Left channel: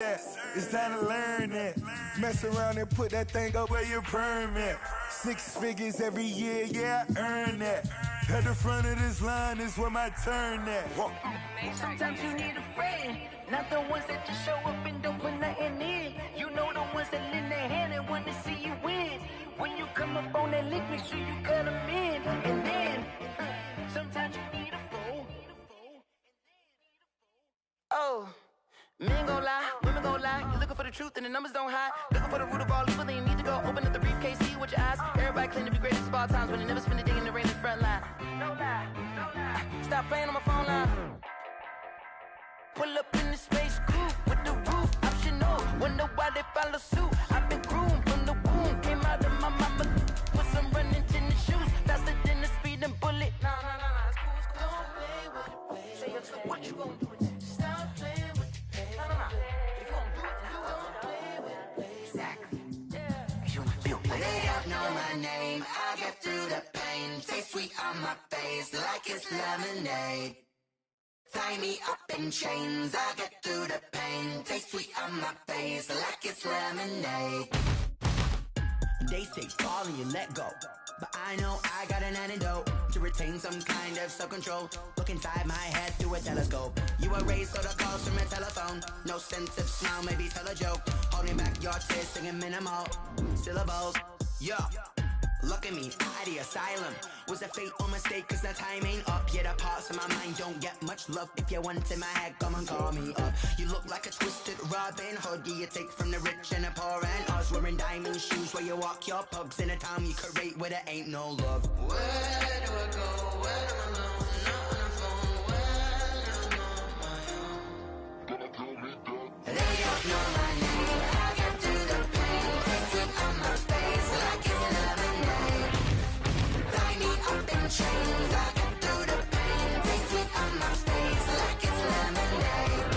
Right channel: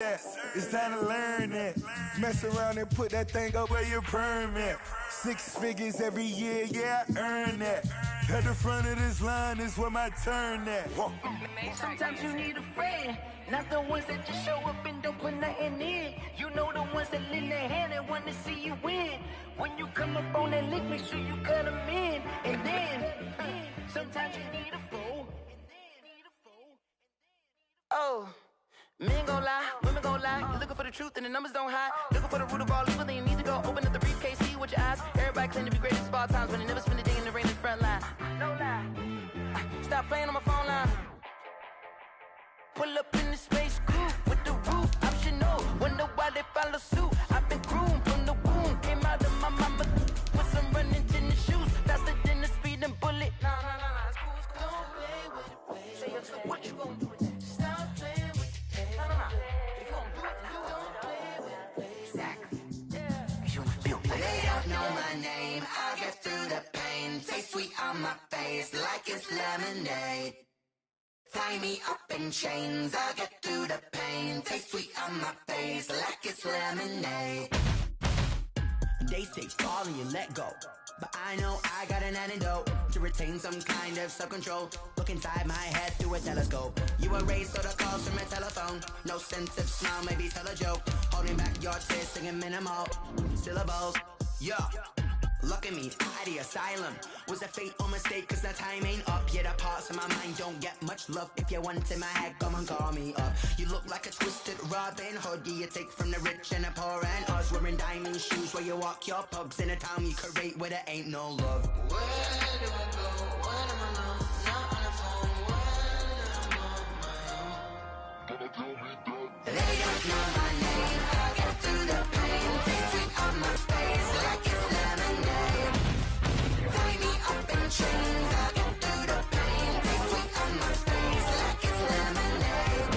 It's time to learn that. Mess around and put that thing up where your permit. 6 figures every year, yeah, I earn that. At the front of this line is where my turn at. Sometimes you need a friend, not the ones that just show up and don't put nothing in. You know the ones that lend their hand and want to see you win. When you come up on that lick, make sure you cut them in. And then, sometimes you need a fool. Oh. Men gon' lie, women gon' lie. You're looking for the truth and the numbers don't hide. Looking for the root of all evil, then you need to go open up the briefcase, see with your eyes. Everybody claim to be greatest of all times, but they never spend a day in the rain in the front line. No lie. Stop playing on my phone line. Pull up in the space coupe with the roof optional. Wonder why they follow suit. I've been groomed from the womb. Came out of my mama with some running tennis shoes. Faster than the speeding bullet. No, it's cool, it's cool. Don't play with it, play. Say what you gon' do with it? Stop playing with it. If you gon' do it, you don't play with it. Exactly. They don't know my name. I'll get through the pain. Taste sweet on my face like it's lemonade. Tie me up in chains. I'll get through the pain. Taste sweet on my face like it's lemonade. They say fall and you let go, but I know I got an antidote to retain some kind of self-control. Look inside my head through a telescope. You erase all the calls from a telephone. No sense of smile, maybe tell a joke. Holding back your tears, singing minimal syllables. Yeah, look at me, out the asylum. Was a fate or mistake, cause the time ain't up. Yeah, the parts of my mind don't get much love. If you want in my head, come and call me up. You look like a twisted Robin Hood. Yeah, you take from the rich and the poor and us. Wearing diamond shoes where you walk your pugs in a town you create where there ain't no love. Where do I go? Where do I know? Not on the phone. When I'm on my own. They don't know my name. I'll get through the pain. Taste sweet on my face like it's lemonade. Tie me up in chains. I'll get through the pain. Taste sweet on my face like it's lemonade.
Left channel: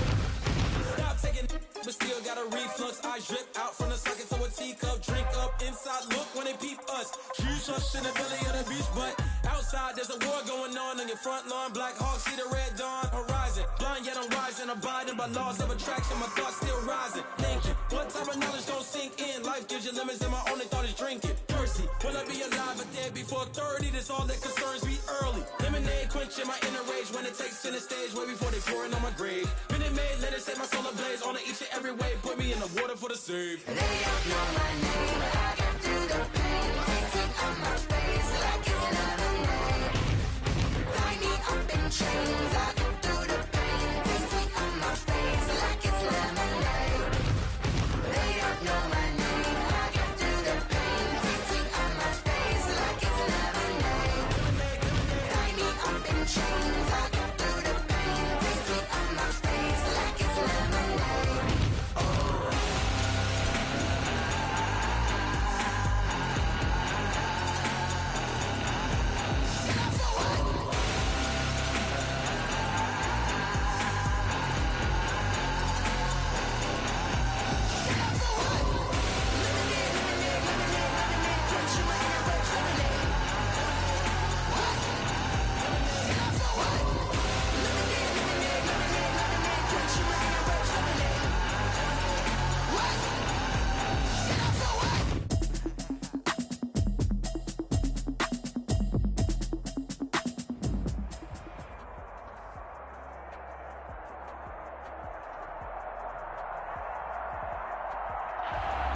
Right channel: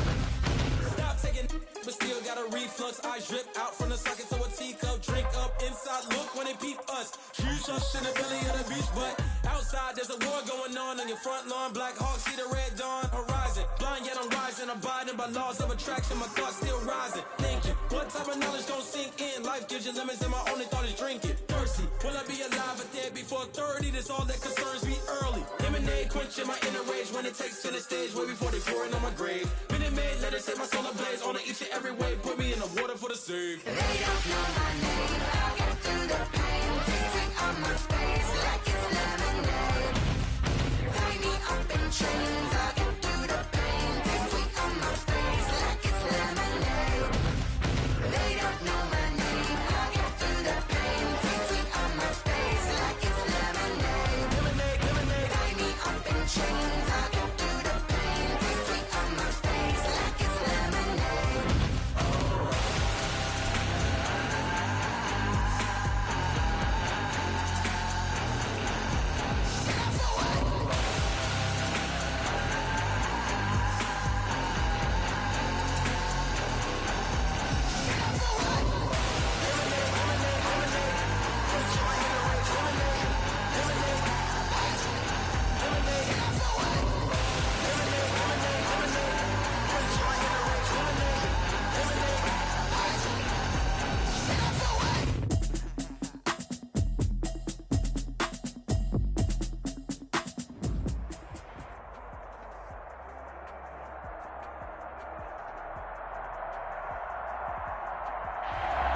Stop taking but still got a reflux. Eyes drip out from the socket to a teacup. Drink up inside, look when they peep us. Shoes us in the belly of the beach, but outside there's a war going on your front lawn. Black Hawk see the red dawn horizon. Blind yet I'm rising, abiding by laws of attraction. My thoughts still rising. Thinking, what type of knowledge gon' sink in? Life gives you lemons and my only thought is drinking. Thirsty, will I be alive or dead before 30? That's all that concerns me early. Lemonade quenching my inner rage when it takes center stage way before they pour it on my grave. Minute Maid, let it set my soul ablaze on each and every way. Put me in the water for the save. They don't know my name. I'll get through the pain. Taste sweet on my face like it's lemonade. Tie me up in chains. I'll get through the pain. Taste sweet on my face like it's lemonade. They don't know my name. I'll get through the pain. Taste sweet on my face like it's lemonade. Lemonade. Tie me up in chains. I'll get through the pain. Taste sweet on my face like it's lemonade.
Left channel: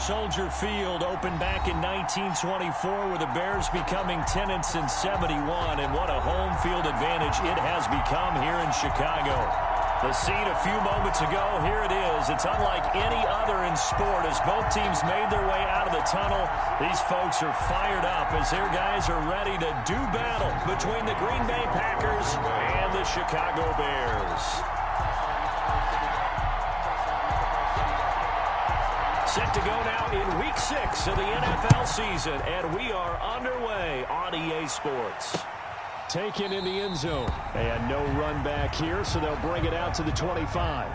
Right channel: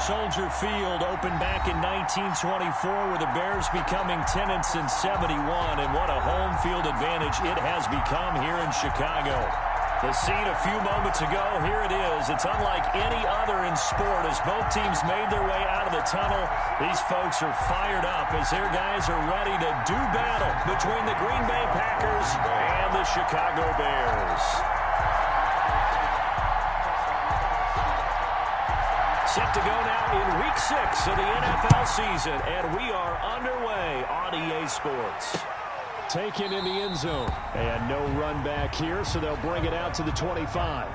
Soldier Field opened back in 1924 with the Bears becoming tenants in 71, and what a home field advantage it has become here in Chicago. The scene a few moments ago, here it is. It's unlike any other in sport as both teams made their way out of the tunnel. These folks are fired up as their guys are ready to do battle between the Green Bay Packers and the Chicago Bears. Set to go now in Week 6 of the NFL season, and we are underway on EA Sports. Taken in the end zone, and no run back here, so they'll bring it out to the 25.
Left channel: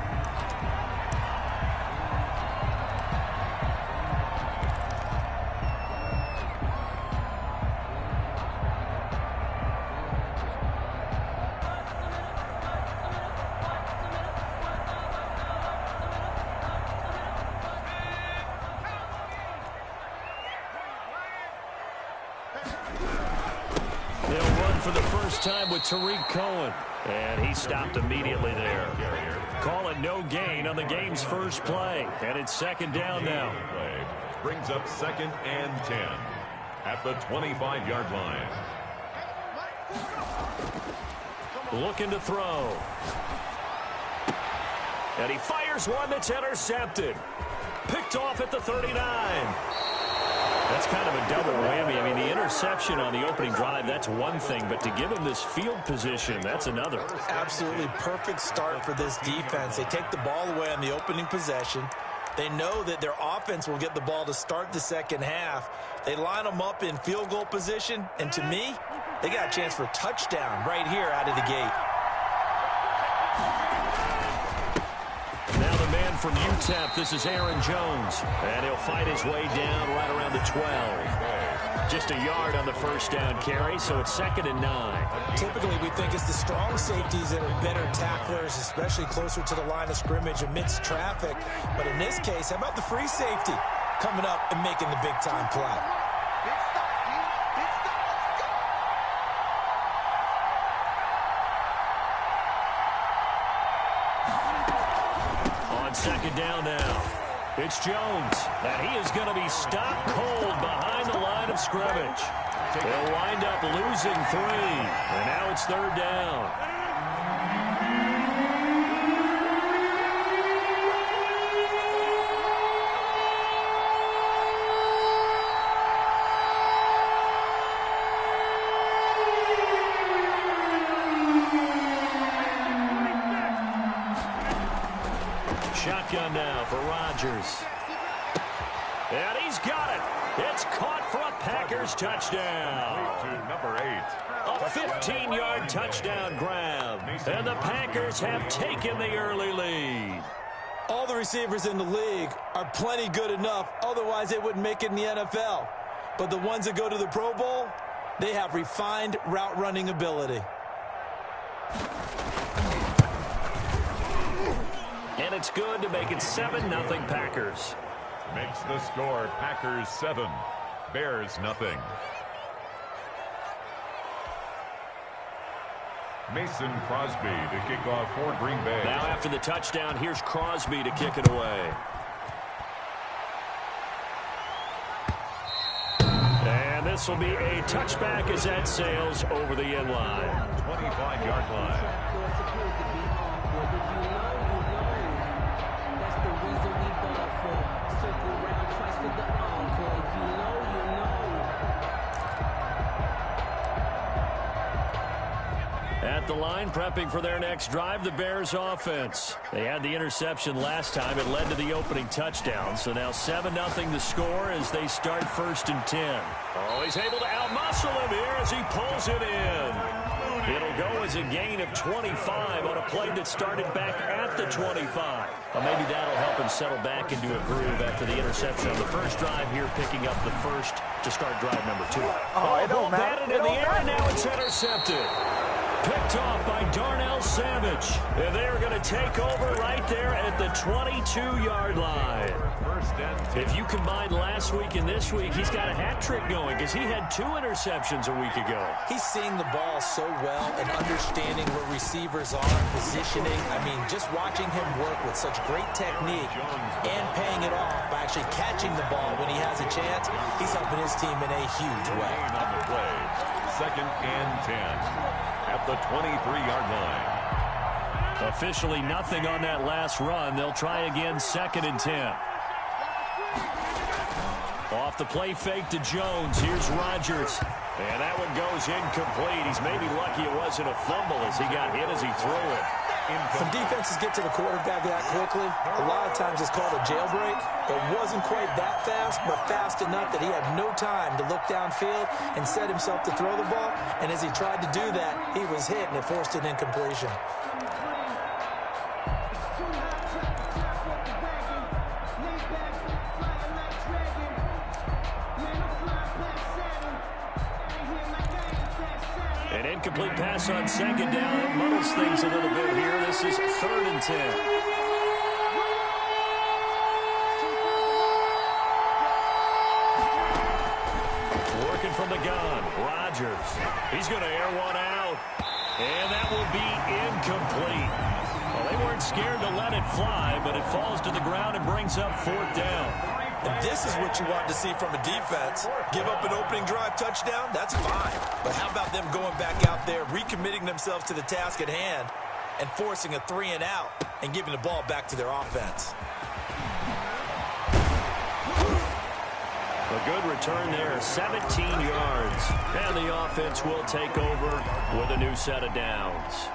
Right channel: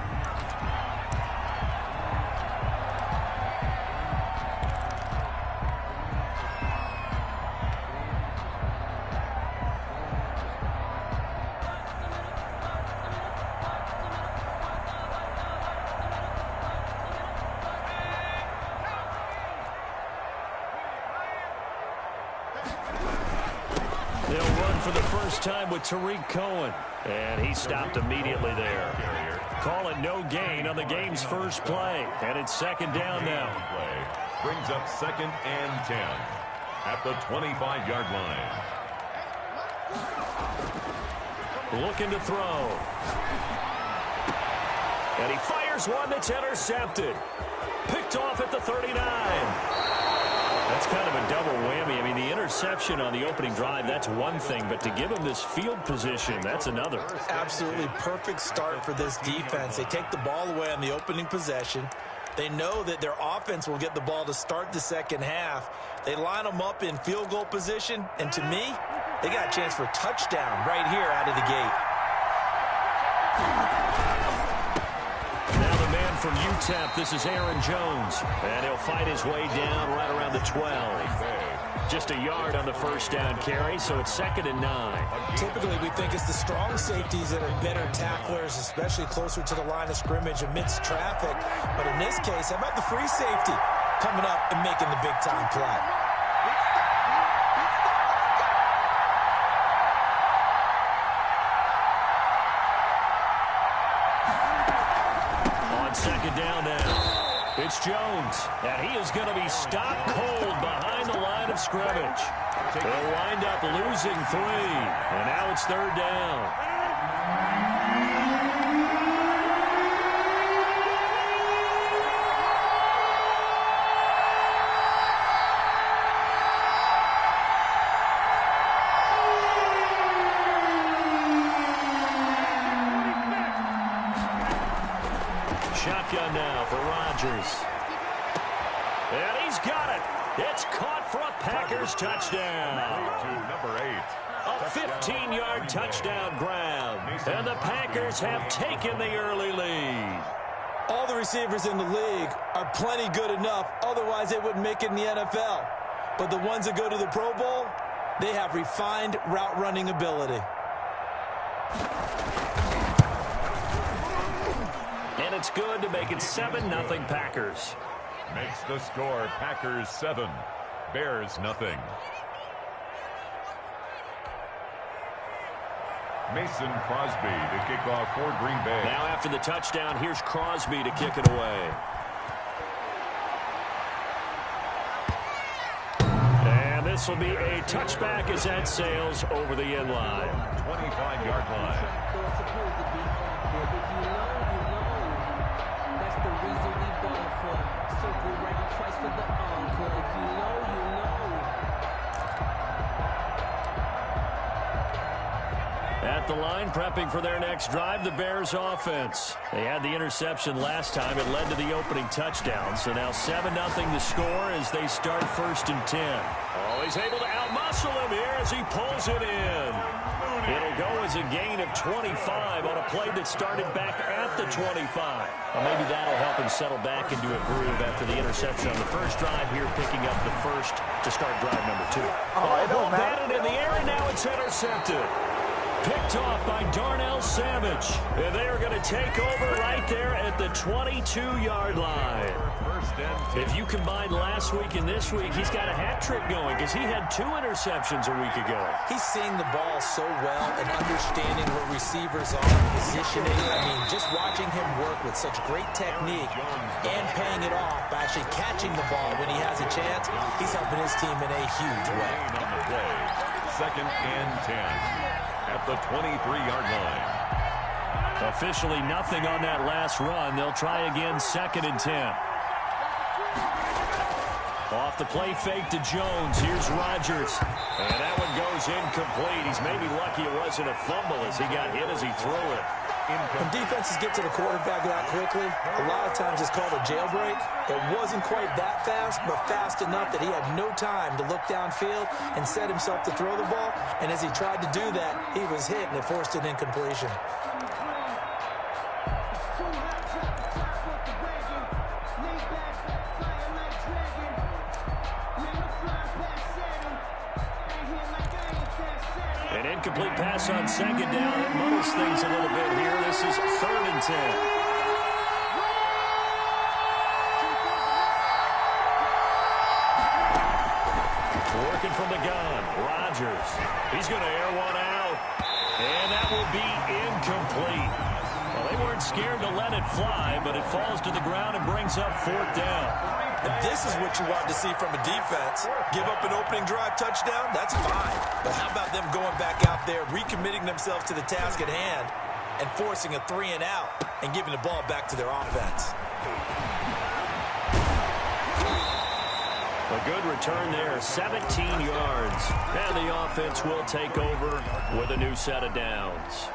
for the first time with Tariq Cohen. And he stopped immediately there. Call it no gain on the game's first play. And it's second down now. Play brings up 2nd and 10 at the 25-yard line. Looking to throw. And he fires one that's intercepted. Picked off at the 39. That's kind of a double whammy. I mean, the interception on the opening drive, that's one thing. But to give him this field position, that's another. Absolutely perfect start for this defense. They take the ball away on the opening possession. They know that their offense will get the ball to start the second half. They line them up in field goal position. And to me, they got a chance for a touchdown right here out of the gate. Now the man from UTEP, this is Aaron Jones. And he'll fight his way down right around the 12. Just a yard on the first down carry, so it's 2nd and 9. Typically, we think it's the strong safeties that are better tacklers, especially closer to the line of scrimmage amidst traffic. But in this case, how about the free safety coming up and making the big-time play? On second down now, it's Jones, and he is going to be stopped cold behind the line of scrimmage. They'll wind up losing 3, and now it's 3rd down. Shotgun now for Rodgers. And he's got it. It's caught for a Packers touchdown. To number 8. A 15-yard touchdown grab. And the Packers have taken the early lead. All the receivers in the league are plenty good enough. Otherwise, they wouldn't make it in the NFL. But the ones that go to the Pro Bowl, they have refined route running ability. And it's good to make it 7-0 Packers. Makes the score Packers 7, Bears nothing. Mason Crosby to kick off for Green Bay. Now after the touchdown, here's Crosby to kick it away. And this will be a touchback as that sails over the end line. 25-yard line. That's the reason we bought for. Circle round twice for the encore. If you know, you know. At the line, prepping for their next drive, the Bears offense. They had the interception last time. It led to the opening touchdown. So now 7-0 the score as they start 1st and 10. Oh, he's able to outmuscle him here as he pulls it in. It'll go as a gain of 25 on a play that started back at the 25. Well, maybe that'll help him settle back into a groove after the interception on the first drive here, picking up the first to start drive number 2. Ball batted in the air, and now it's intercepted. Picked off by Darnell Savage. And they are going to take over right there at the 22-yard line. If you combine last week and this week, he's got a hat trick going because he had 2 interceptions a week ago. He's seeing the ball so well and understanding where receivers are, positioning. I mean, just watching him work with such great technique and paying it off by actually catching the ball when he has a chance, he's helping his team in a huge way. On the play, 2nd and 10. At the 23-yard line. Officially nothing on that last run. They'll try again 2nd and 10. Off the play fake to Jones. Here's Rodgers. And that one goes incomplete. He's maybe lucky it wasn't a fumble as he got hit as he threw it. When defenses get to the quarterback that quickly, a lot of times it's called a jailbreak. It wasn't quite that fast, but fast enough that he had no time to look downfield and set himself to throw the ball. And as he tried to do that, he was hit, and it forced an incompletion. An incomplete pass on 2nd down. It muddles things a little bit here. This is 3rd and 10. Working from the gun, Rodgers. He's going to air one out, and that will be incomplete. Well, they weren't scared to let it fly, but it falls to the ground and brings up 4th down. And this is what you want to see from a defense. Give up an opening drive touchdown, that's fine. But how about them going back out there, recommitting themselves to the task at hand, and forcing a 3 and out and giving the ball back to their offense. A good return there, 17 yards. And the offense will take over with a new set of downs.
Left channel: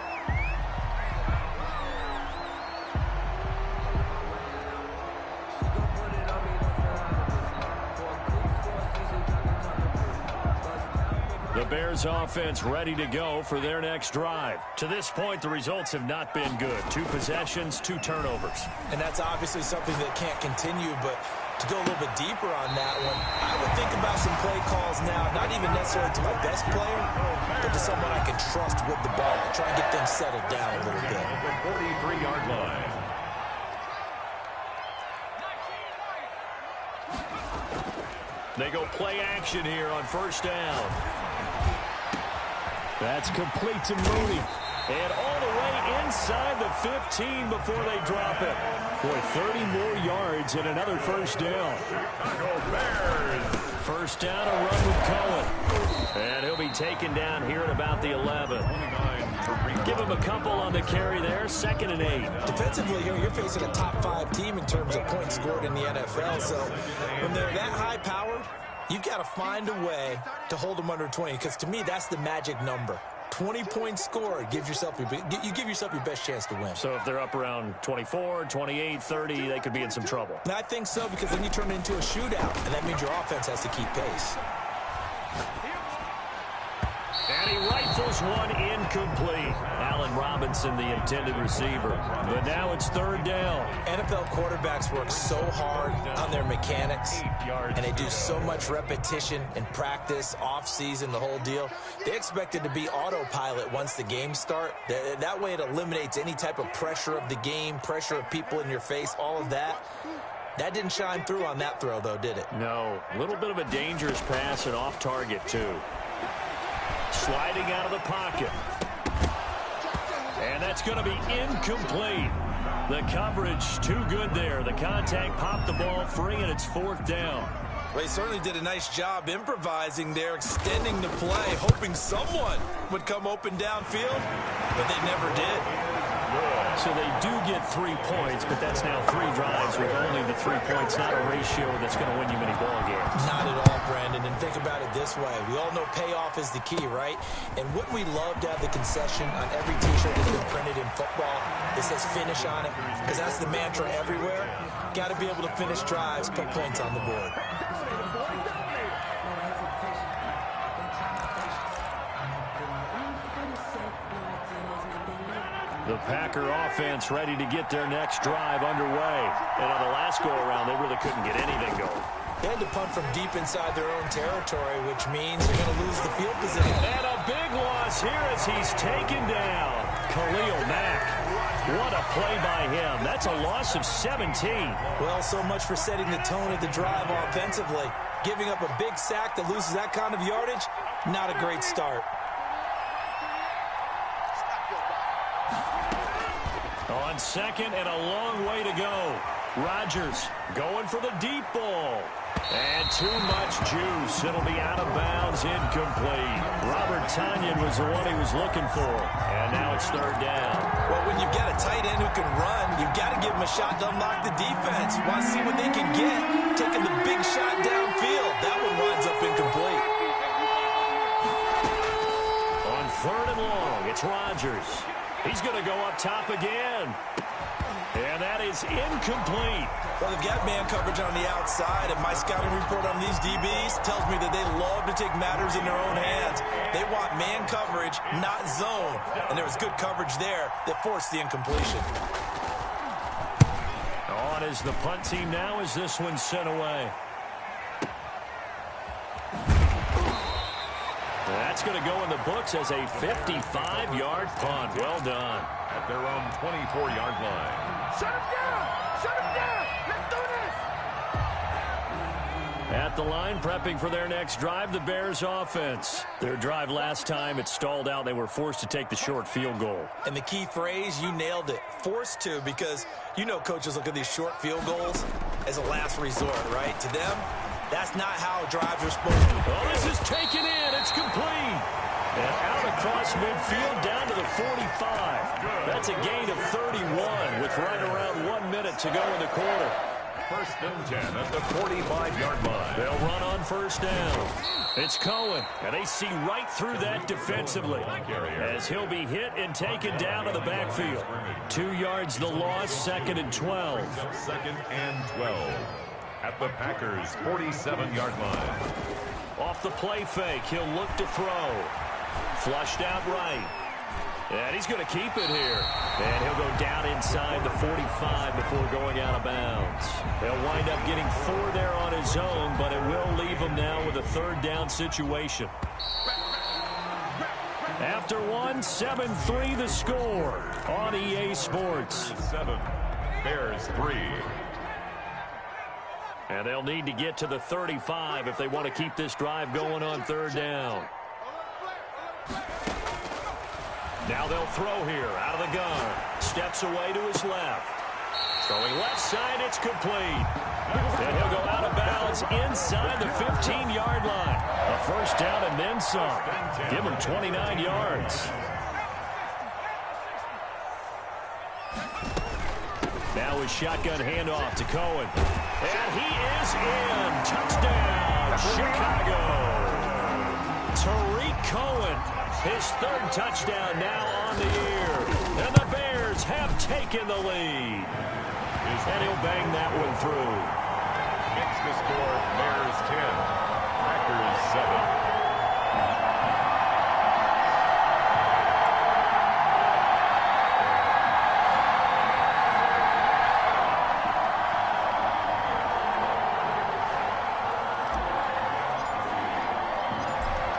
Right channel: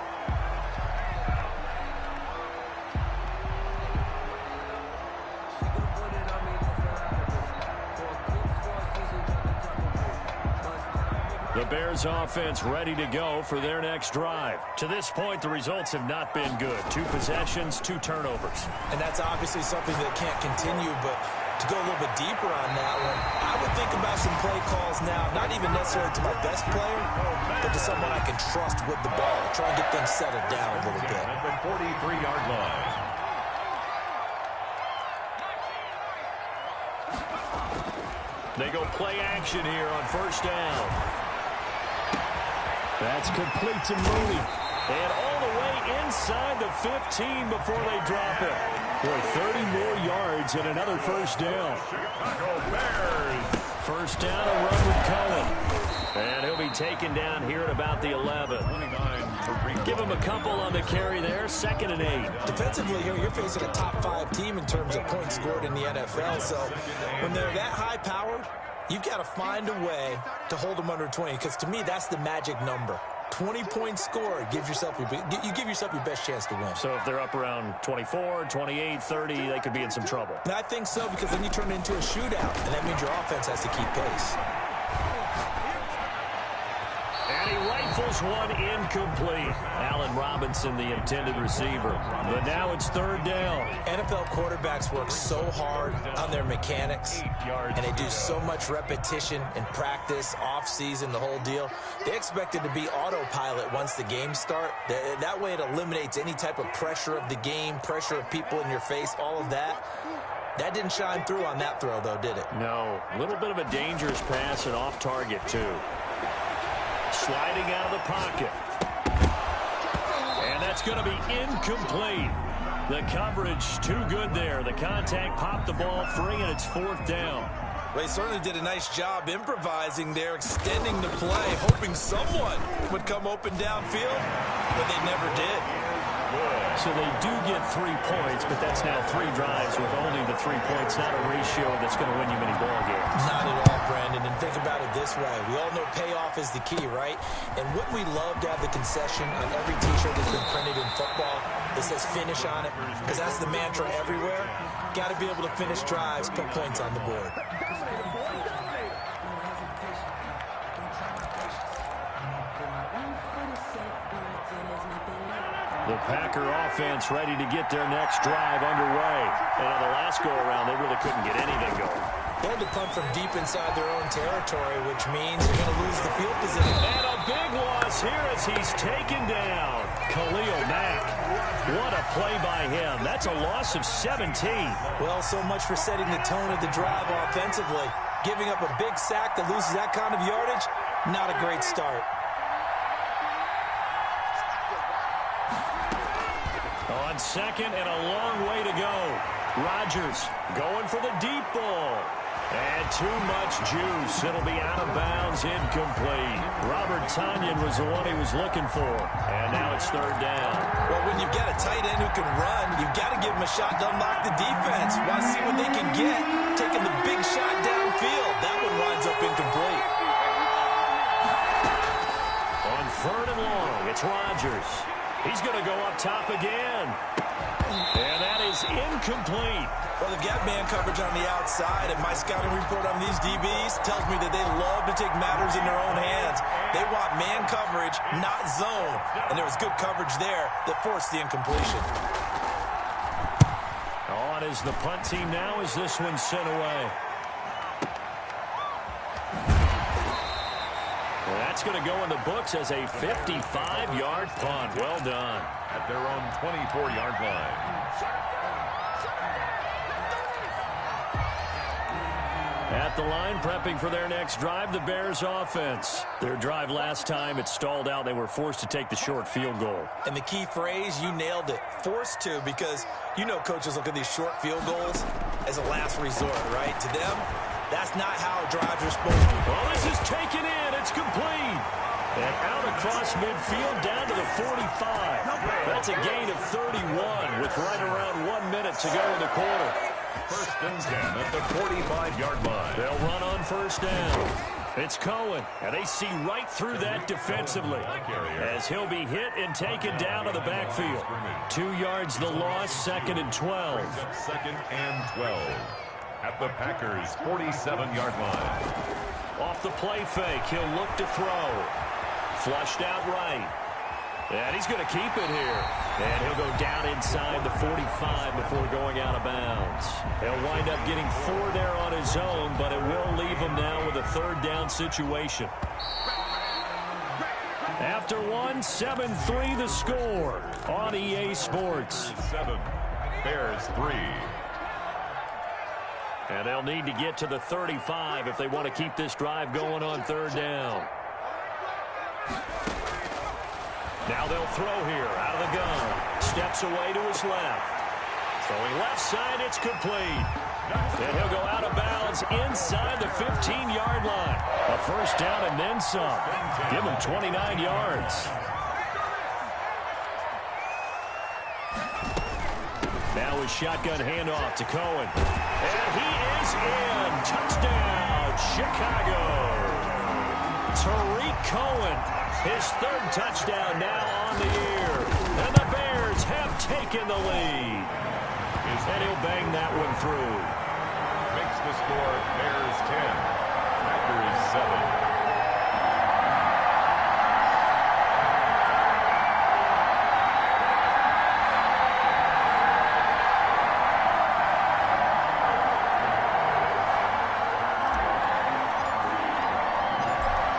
The Bears offense ready to go for their next drive. To this point, the results have not been good. 2 possessions, 2 turnovers. And that's obviously something that can't continue, but to go a little bit deeper on that one, I would think about some play calls now, not even necessarily to my best player, but to someone I can trust with the ball. Try and get things settled down a little bit. At the 43-yard line. They go play action here on 1st down. That's complete to Mooney. And all the way inside the 15 before they drop it. Boy, 30 more yards and another 1st down. Chicago Bears. 1st down, a run with Cohen. And he'll be taken down here at about the 11. Give him a couple on the carry there, 2nd and 8. Defensively here, you're facing a top 5 team in terms of points scored in the NFL. So when they're that high powered, you've got to find a way to hold them under 20, because to me, that's the magic number. 20 points scored, you give yourself your best chance to win. So if they're up around 24, 28, 30, they could be in some trouble. And I think so, because then you turn it into a shootout, and that means your offense has to keep pace. And he rifles one incomplete. Allen Robinson, the intended receiver. But now it's 3rd down. NFL quarterbacks work so hard on their mechanics, and they do so much repetition and practice, off-season, the whole deal. They expect it to be autopilot once the games start. That way it eliminates any type of pressure of the game, pressure of people in your face, all of that. That didn't shine through on that throw, though, did it? No. A little bit of a dangerous pass and off target, too. Sliding out of the pocket. And that's going to be incomplete. The coverage too good there. The contact popped the ball free, and it's 4th down. Well, he certainly did a nice job improvising there, extending the play, hoping someone would come open downfield, but they never did. So they do get 3 points, but that's now 3 drives with only the 3 points, not a ratio that's going to win you many ball games. Not at all, Brandon. And think about it this way. We all know payoff is the key, right? And wouldn't we love to have the concession on every T-shirt that's been printed in football that says finish on it? Because that's the mantra everywhere. Got to be able to finish drives, put points on the board. The Packer offense ready to get their next drive underway. And on the last go-around, they really couldn't get anything going. They had to punt from deep inside their own territory, which means they're going to lose the field position. And a big loss here as he's taken down. Khalil Mack. What a play by him. That's a loss of 17. Well, so much for setting the tone of the drive offensively. Giving up a big sack that loses that kind of yardage, not a great start. On 2nd and a long way to go. Rodgers going for the deep ball. And too much juice. It'll be out of bounds, incomplete. Robert Tonyan was the one he was looking for. And now it's 3rd down. Well, when you've got a tight end who can run, you've got to give him a shot to unlock the defense. Want to see what they can get. Taking the big shot downfield. That one winds up incomplete. On 3rd and long, it's Rodgers. He's going to go up top again. And that is incomplete. Well, they've got man coverage on the outside, and my scouting report on these DBs tells me that they love to take matters in their own hands. They want man coverage, not zone. And there was good coverage there that forced the incompletion. On is the punt team now as this one's sent away. That's going to go in the books as a 55-yard punt. Well done. At their own 24-yard line. Shut him down! Shut him down! Let's do this! At the line, prepping for their next drive, the Bears offense. Their drive last time, it stalled out. They were forced to take the short field goal. And the key phrase, you nailed it, forced to, because you know coaches look at these short field goals as a last resort, right? To them, that's not how drives are supposed to. Oh, this is taken in. It's complete. And out across midfield down to the 45. That's a gain of 31 with right around 1 minute to go in the quarter. First and 10 at the 45-yard line. They'll run on first down. It's Cohen, and they see right through that defensively as he'll be hit and taken down to the backfield. 2 yards the loss, 2nd and 12. Brings up 2nd and 12 at the Packers' 47-yard line. Off the play fake, he'll look to throw. Flushed out right. And he's going to keep it here. And he'll go down inside the 45 before going out of bounds. He'll wind up getting 4 there on his own, but it will leave him now with a 3rd down situation. After 1, 7-3 the score on EA Sports. 7, Bears 3. And they'll need to get to the 35 if they want to keep this drive going on 3rd down. Now they'll throw here out of the gun. Steps away to his left. Throwing left side, it's complete. And he'll go out of bounds inside the 15-yard line. A 1st down and then some. Give him 29 yards. Now his shotgun handoff to Cohen. And he is in. Touchdown, Chicago. Tariq Cohen, his 3rd touchdown now on the year. And the Bears have taken the lead. And he'll bang that one through. Makes the score Bears 10, Packers 7.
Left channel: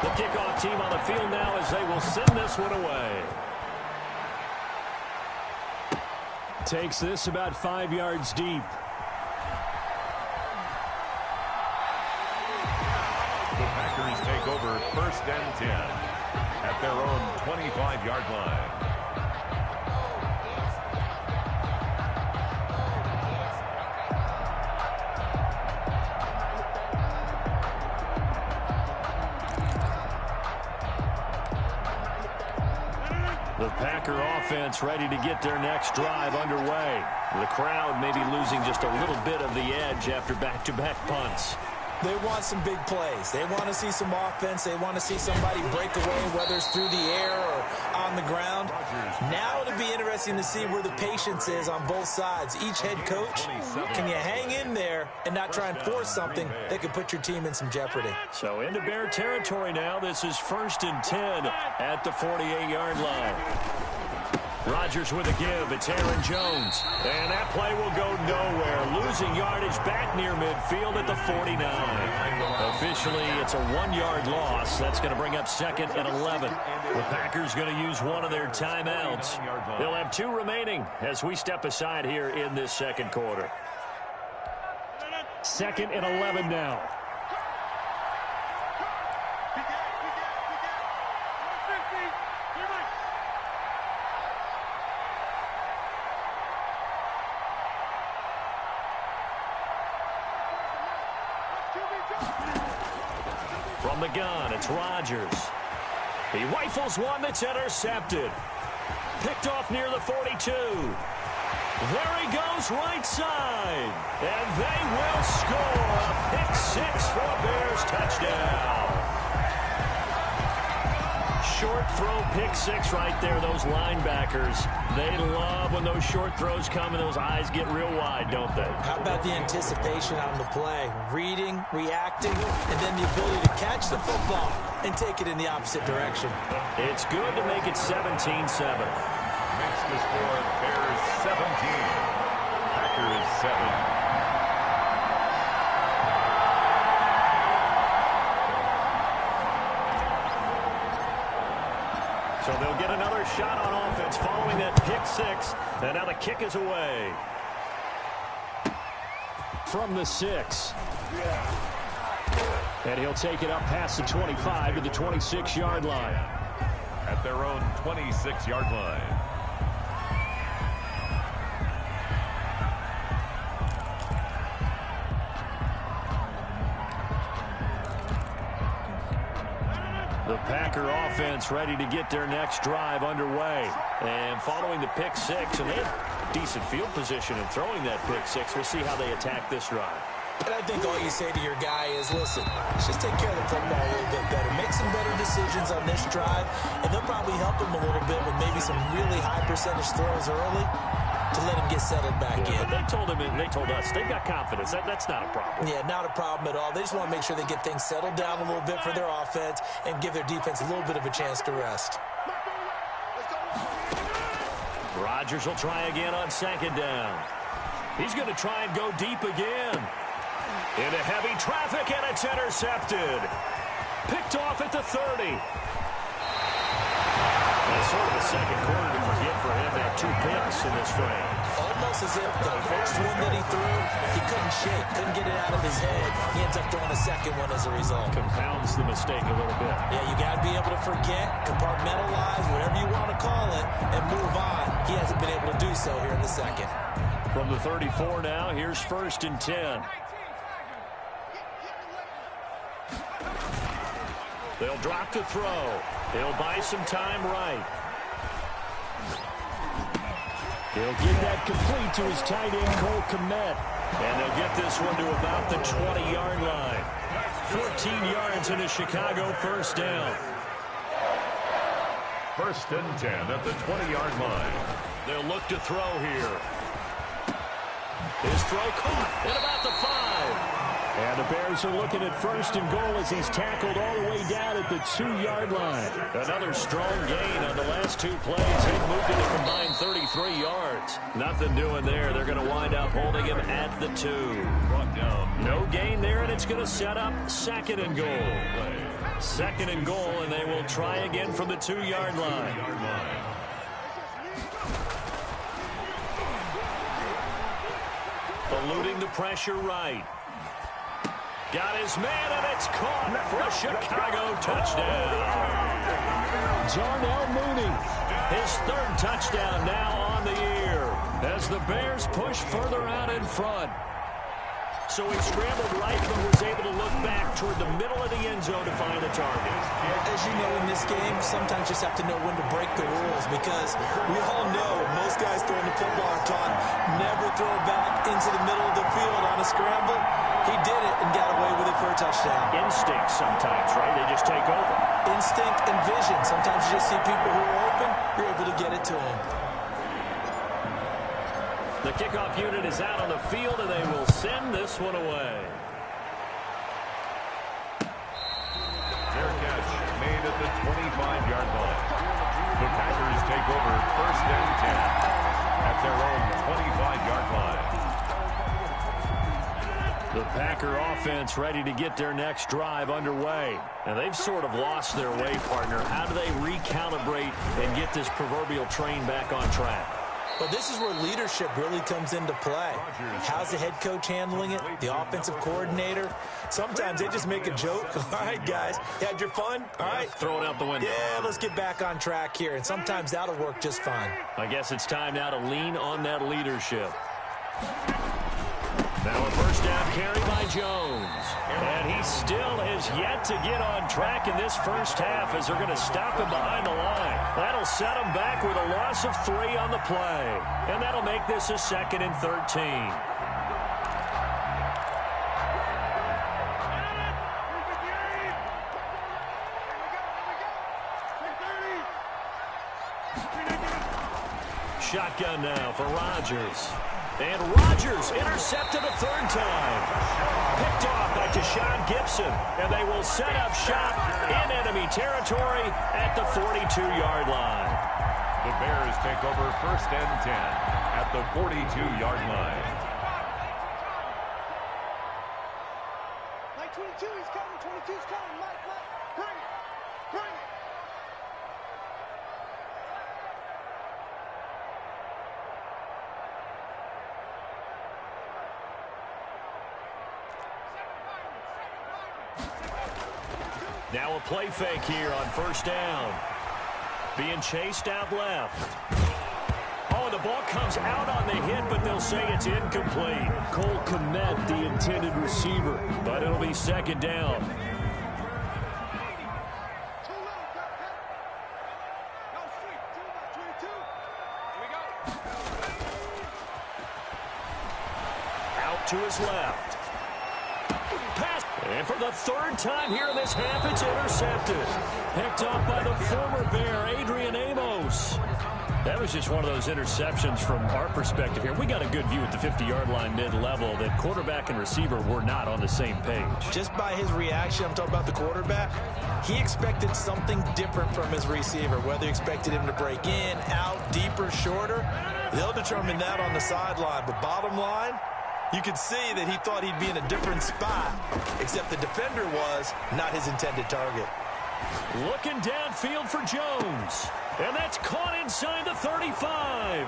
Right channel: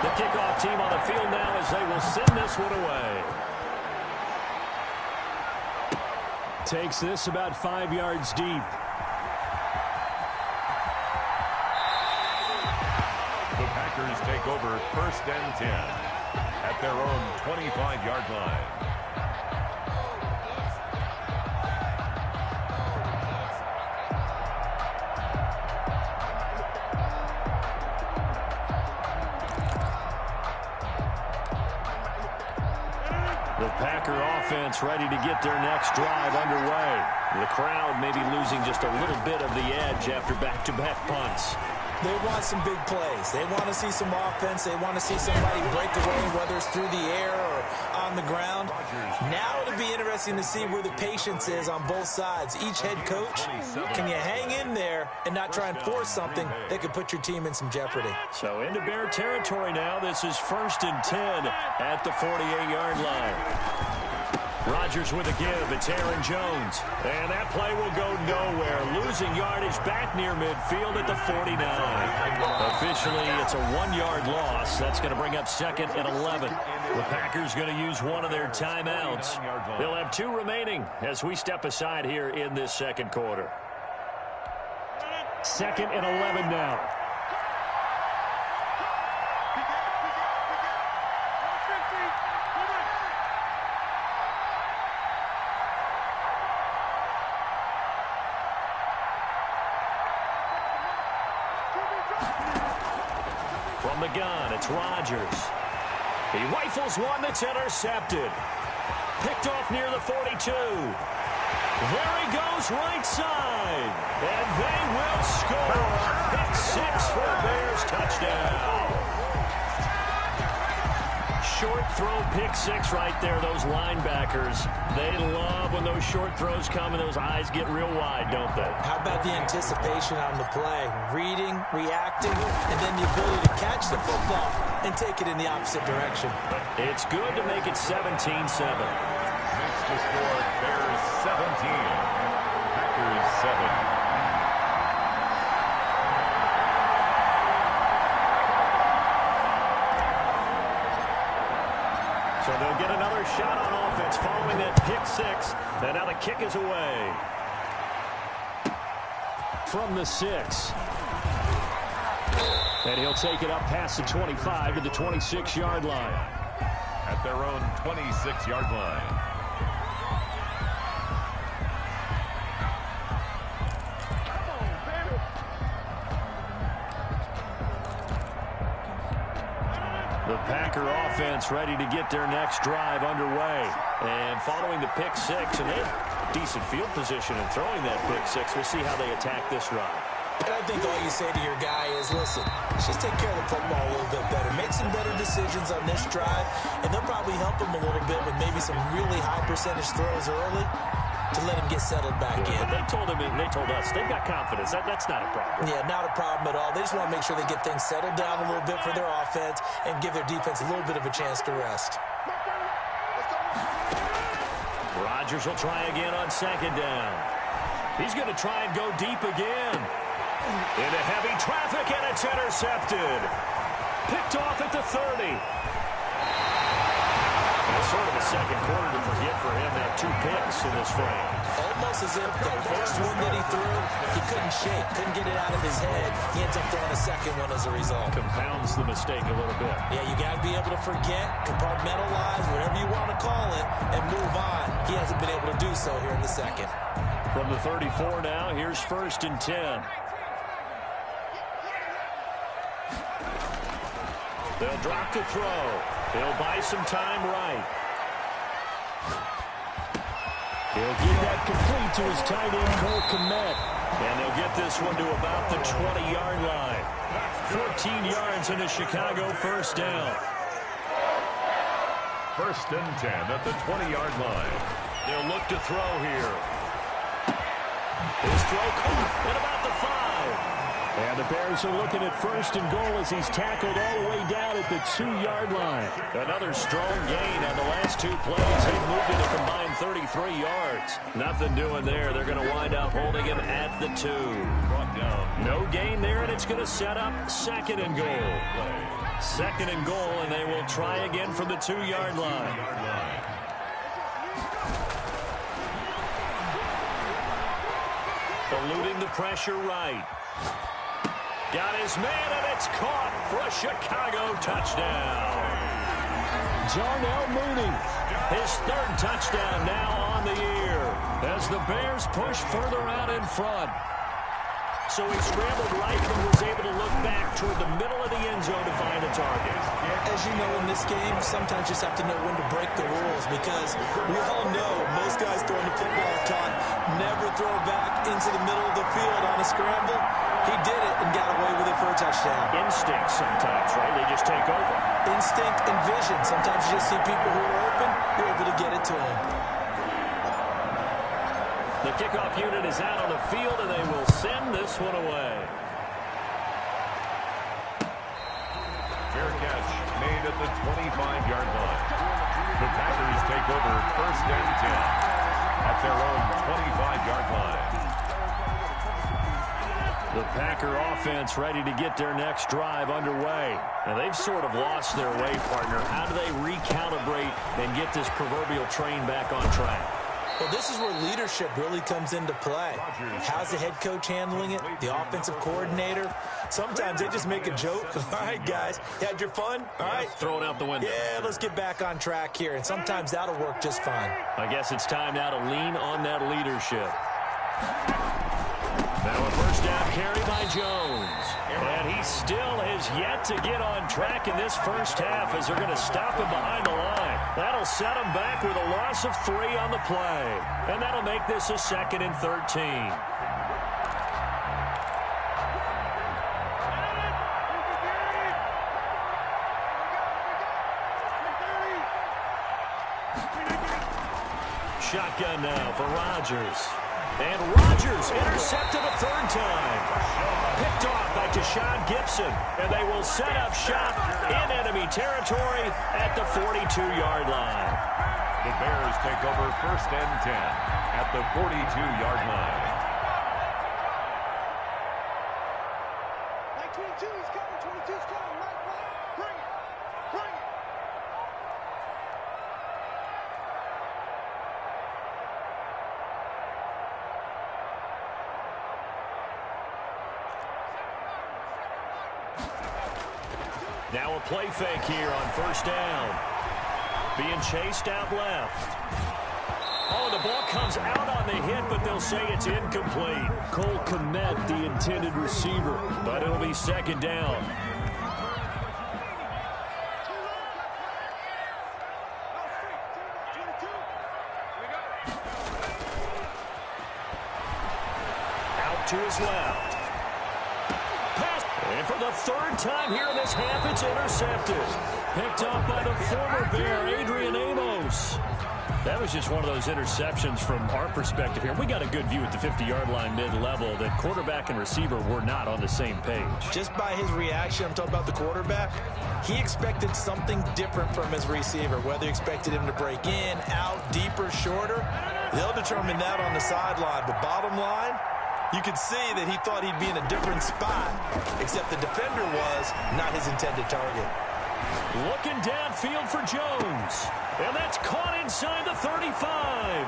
The kickoff team on the field now as they will send this one away. Takes this about 5 yards deep. The Packers take over 1st and 10 at their own 25-yard line. The Packer offense ready to get their next drive underway. The crowd maybe losing just a little bit of the edge after back-to-back punts. They want some big plays. They want to see some offense. They want to see somebody break away, whether it's through the air or on the ground. Now it'll be interesting to see where the patience is on both sides. Each head coach, can you hang in there and not try and force something that could put your team in some jeopardy? So into Bear territory now. This is 1st and 10 at the 48-yard line. Rodgers with a give. It's Aaron Jones. And that play will go nowhere. Losing yardage back near midfield at the 49. Officially, it's a 1-yard loss. That's going to bring up 2nd and 11. The Packers going to use one of their timeouts. They'll have 2 remaining as we step aside here in this 2nd quarter. 2nd and 11 now. From the gun, it's Rodgers. He rifles one that's intercepted. Picked off near the 42. There he goes right side. And they will score a pick-6 for a Bears touchdown. Short throw pick-6 right there. Those linebackers, they love when those short throws come and those eyes get real wide, don't they? How about the anticipation on the play? Reading, reacting, and then the ability to catch the football and take it in the opposite direction. It's good to make it 17-7. Makes the score Bears 17, Packers 7. So they'll get another shot on offense following that pick-6. And now the kick is away. From the 6. And he'll take it up past the 25 to the 26-yard line. At their own 26-yard line. The Packer offense ready to get their next drive underway. And following the pick six, and they have decent field position in throwing that pick six. We'll see how they attack this drive. And I think all you say to your guy is, listen, let's just take care of the football a little bit better. Make some better decisions on this drive, and they'll probably help him a little bit with maybe some really high percentage throws early to let him get settled back in. But they told him, and they told us, they've got confidence. That's not a problem. Yeah, not a problem at all. They just want to make sure they get things settled down a little bit for their offense and give their defense a little bit of a chance to rest. Rodgers will try again on second down. He's going to try and go deep again. Into heavy traffic, and it's intercepted. Picked off at the 30. That's sort of a second quarter to forget for him. Now 2 picks in this frame. Almost as if the first one that he threw, he couldn't shake, couldn't get it out of his head. He ends up throwing a second one as a result. Compounds the mistake a little bit. Yeah, you got to be able to forget, compartmentalize, whatever you want to call it, and move on. He hasn't been able to do so here in the second. From the 34 now, here's 1st and 10. They'll drop to throw. He'll buy some time right. He'll get that complete to his tight end, Cole Kmet. And they'll get this one to about the 20-yard line. 14 yards in a Chicago first down. 1st and 10 at the 20-yard line. They'll look to throw here. His throw caught at about the 5. And the Bears are looking at 1st and goal as he's tackled all the way down at the 2-yard line. Another strong gain on the last 2 plays. They've moved it a combined 33 yards. Nothing doing there. They're going to wind up holding him at the 2. Brought down. No gain there, and it's going to set up 2nd and goal. 2nd and goal, and they will try again from the 2-yard line. Eluding the pressure right. Got his man, and it's caught for a Chicago touchdown. Darnell Mooney, his 3rd touchdown now on the year as the Bears push further out in front. So he scrambled right, but was able to look back toward the middle of the end zone to find the target. As you know, in this game, sometimes you just have to know when to break the rules, because we all know most guys throwing the football are taught never throw back into the middle of the field on a scramble. He did it and got away with it for a touchdown. Instinct sometimes, right? They just take over. Instinct and vision. Sometimes you just see people who are open, you're able to get it to them. The kickoff unit is out on the field, and they will send this one away. Fair catch made at the 25-yard line. The Packers take over 1st and 10 at their own 25-yard line. The Packer offense ready to get their next drive underway. And they've sort of lost their way, partner. How do they recalibrate and get this proverbial train back on track? Well, this is where leadership really comes into play. How's the head coach handling it? The offensive coordinator? Sometimes they just make a joke. All right, guys, you had your fun? All right. Throw it out the window. Yeah, let's get back on track here. And sometimes that'll work just fine. I guess it's time now to lean on that leadership. Now a 1st down carry by Jones. And he still has yet to get on track in this first half as they're going to stop him behind the line. That'll set him back with a loss of 3 on the play. And that'll make this a 2nd and 13. Shotgun now for Rodgers. And Rodgers intercepted a 3rd time. Picked off by Tashawn Gibson. And they will set up shop in enemy territory at the 42-yard line. The Bears take over 1st and 10 at the 42-yard line. Mike 22, he's coming. 22's coming. Mike, bring it. Bring it. Now a play fake here on first down. Being chased out left. Oh, the ball comes out on the hit, but they'll say it's incomplete. Cole Kmet, the intended receiver, but it'll be second down. Out to his left. Pass. And for the third time here in this half, it's intercepted. Picked off by the former Bear, Adrian Amos. That was just one of those interceptions from our perspective here. We got a good view at the 50-yard line mid-level that quarterback and receiver were not on the same page. Just by his reaction, I'm talking about the quarterback, he expected something different from his receiver, whether he expected him to break in, out, deeper, shorter. They'll determine that on the sideline. But bottom line, you could see that he thought he'd be in a different spot, except the defender was not his intended target. Looking downfield for Jones. And that's caught inside the 35.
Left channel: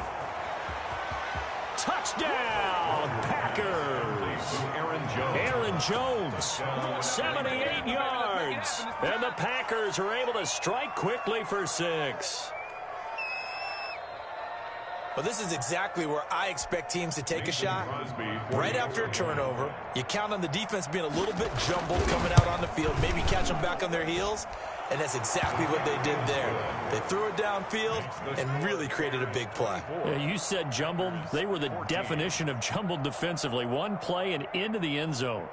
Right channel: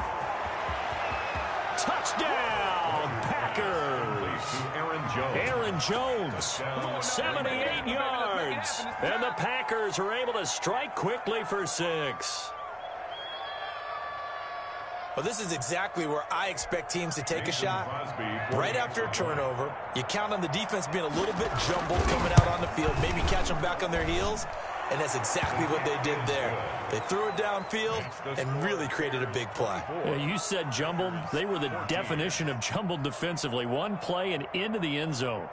Touchdown, Packers. Aaron Jones, 78 yards. And the Packers are able to strike quickly for 6. Well, this is exactly where I expect teams to take a shot. Right after a turnover, you count on the defense being a little bit jumbled coming out on the field, maybe catch them back on their heels, and that's exactly what they did there. They threw it downfield and really created a big play. Yeah, you said jumbled. They were the definition of jumbled defensively. One play and into the end zone.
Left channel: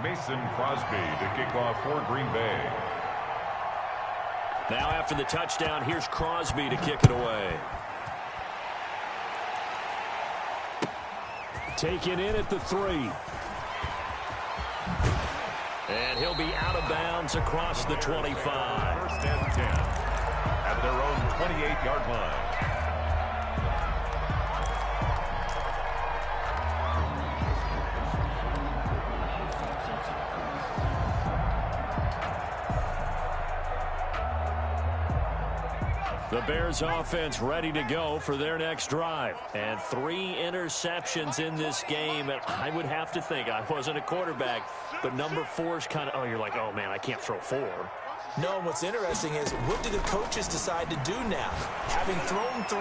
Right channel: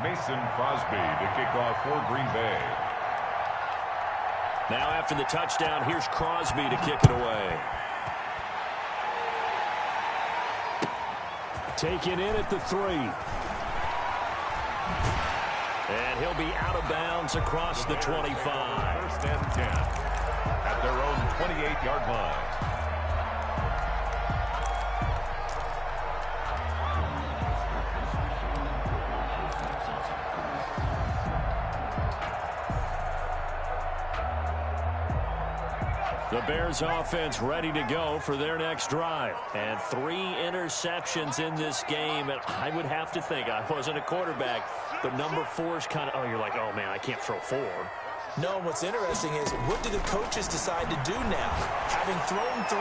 Mason Crosby to kick off for Green Bay. Now after the touchdown, here's Crosby to kick it away. Taken in at the 3. And he'll be out of bounds across the 25. First and 10 at their own 28-yard line. The Bears offense ready to go for their next drive. And 3 interceptions in this game. And I would have to think, I wasn't a quarterback, but number 4 is kind of, oh, you're like, oh, man, I can't throw 4. No, what's interesting is, what do the coaches decide to do now? Having thrown 3,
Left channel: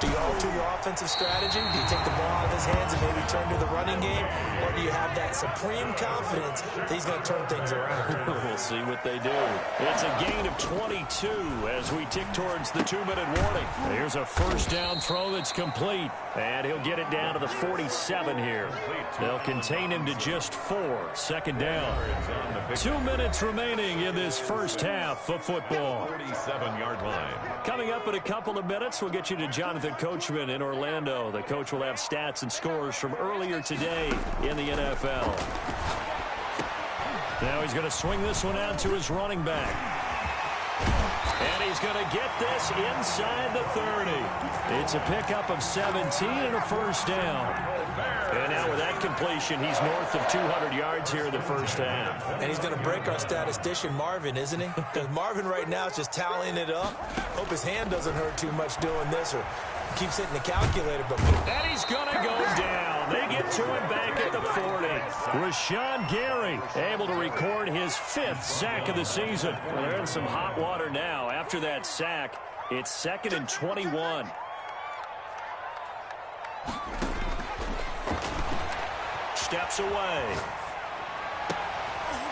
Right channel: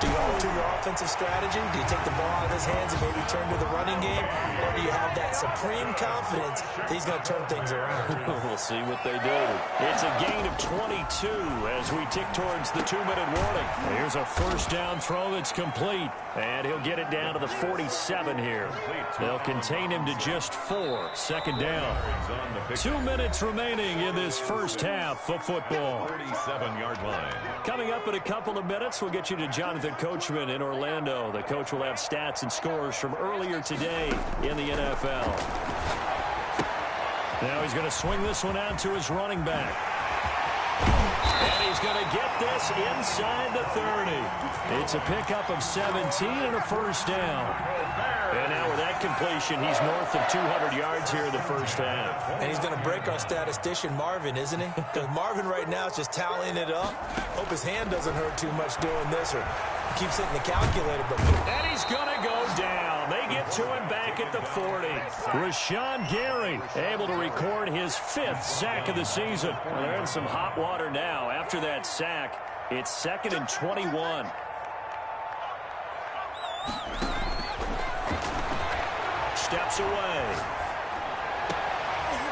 do you alter your offensive strategy? Do you take the ball out of his hands and maybe turn to the running game? Or do you have that supreme confidence that he's going to turn things around? We'll see what they do. It's a gain of 22 as we tick towards the 2-minute warning. Here's a first down throw that's complete. And he'll get it down to the 47 here. They'll contain him to just 4. Second down. 2 minutes remaining in this first half of football. 47-yard line. Coming up in a couple of minutes, we'll get you to Jonathan Coachman in Orlando. The coach will have stats and scores from earlier today in the NFL. Now he's going to swing this one out to his running back. And he's going to get this inside the 30. It's a pickup of 17 and a first down. And now with that completion, he's north of 200 yards here in the first half. And he's going to break our statistician, Marvin, isn't he? Because Marvin right now is just tallying it up. Hope his hand doesn't hurt too much doing this or keeps hitting the calculator. But and he's going to go down. They get to him back at the 40. Rashawn Gary able to record his 5th sack of the season. Well, they're in some hot water now. After that sack, it's 2nd and 21. Steps away.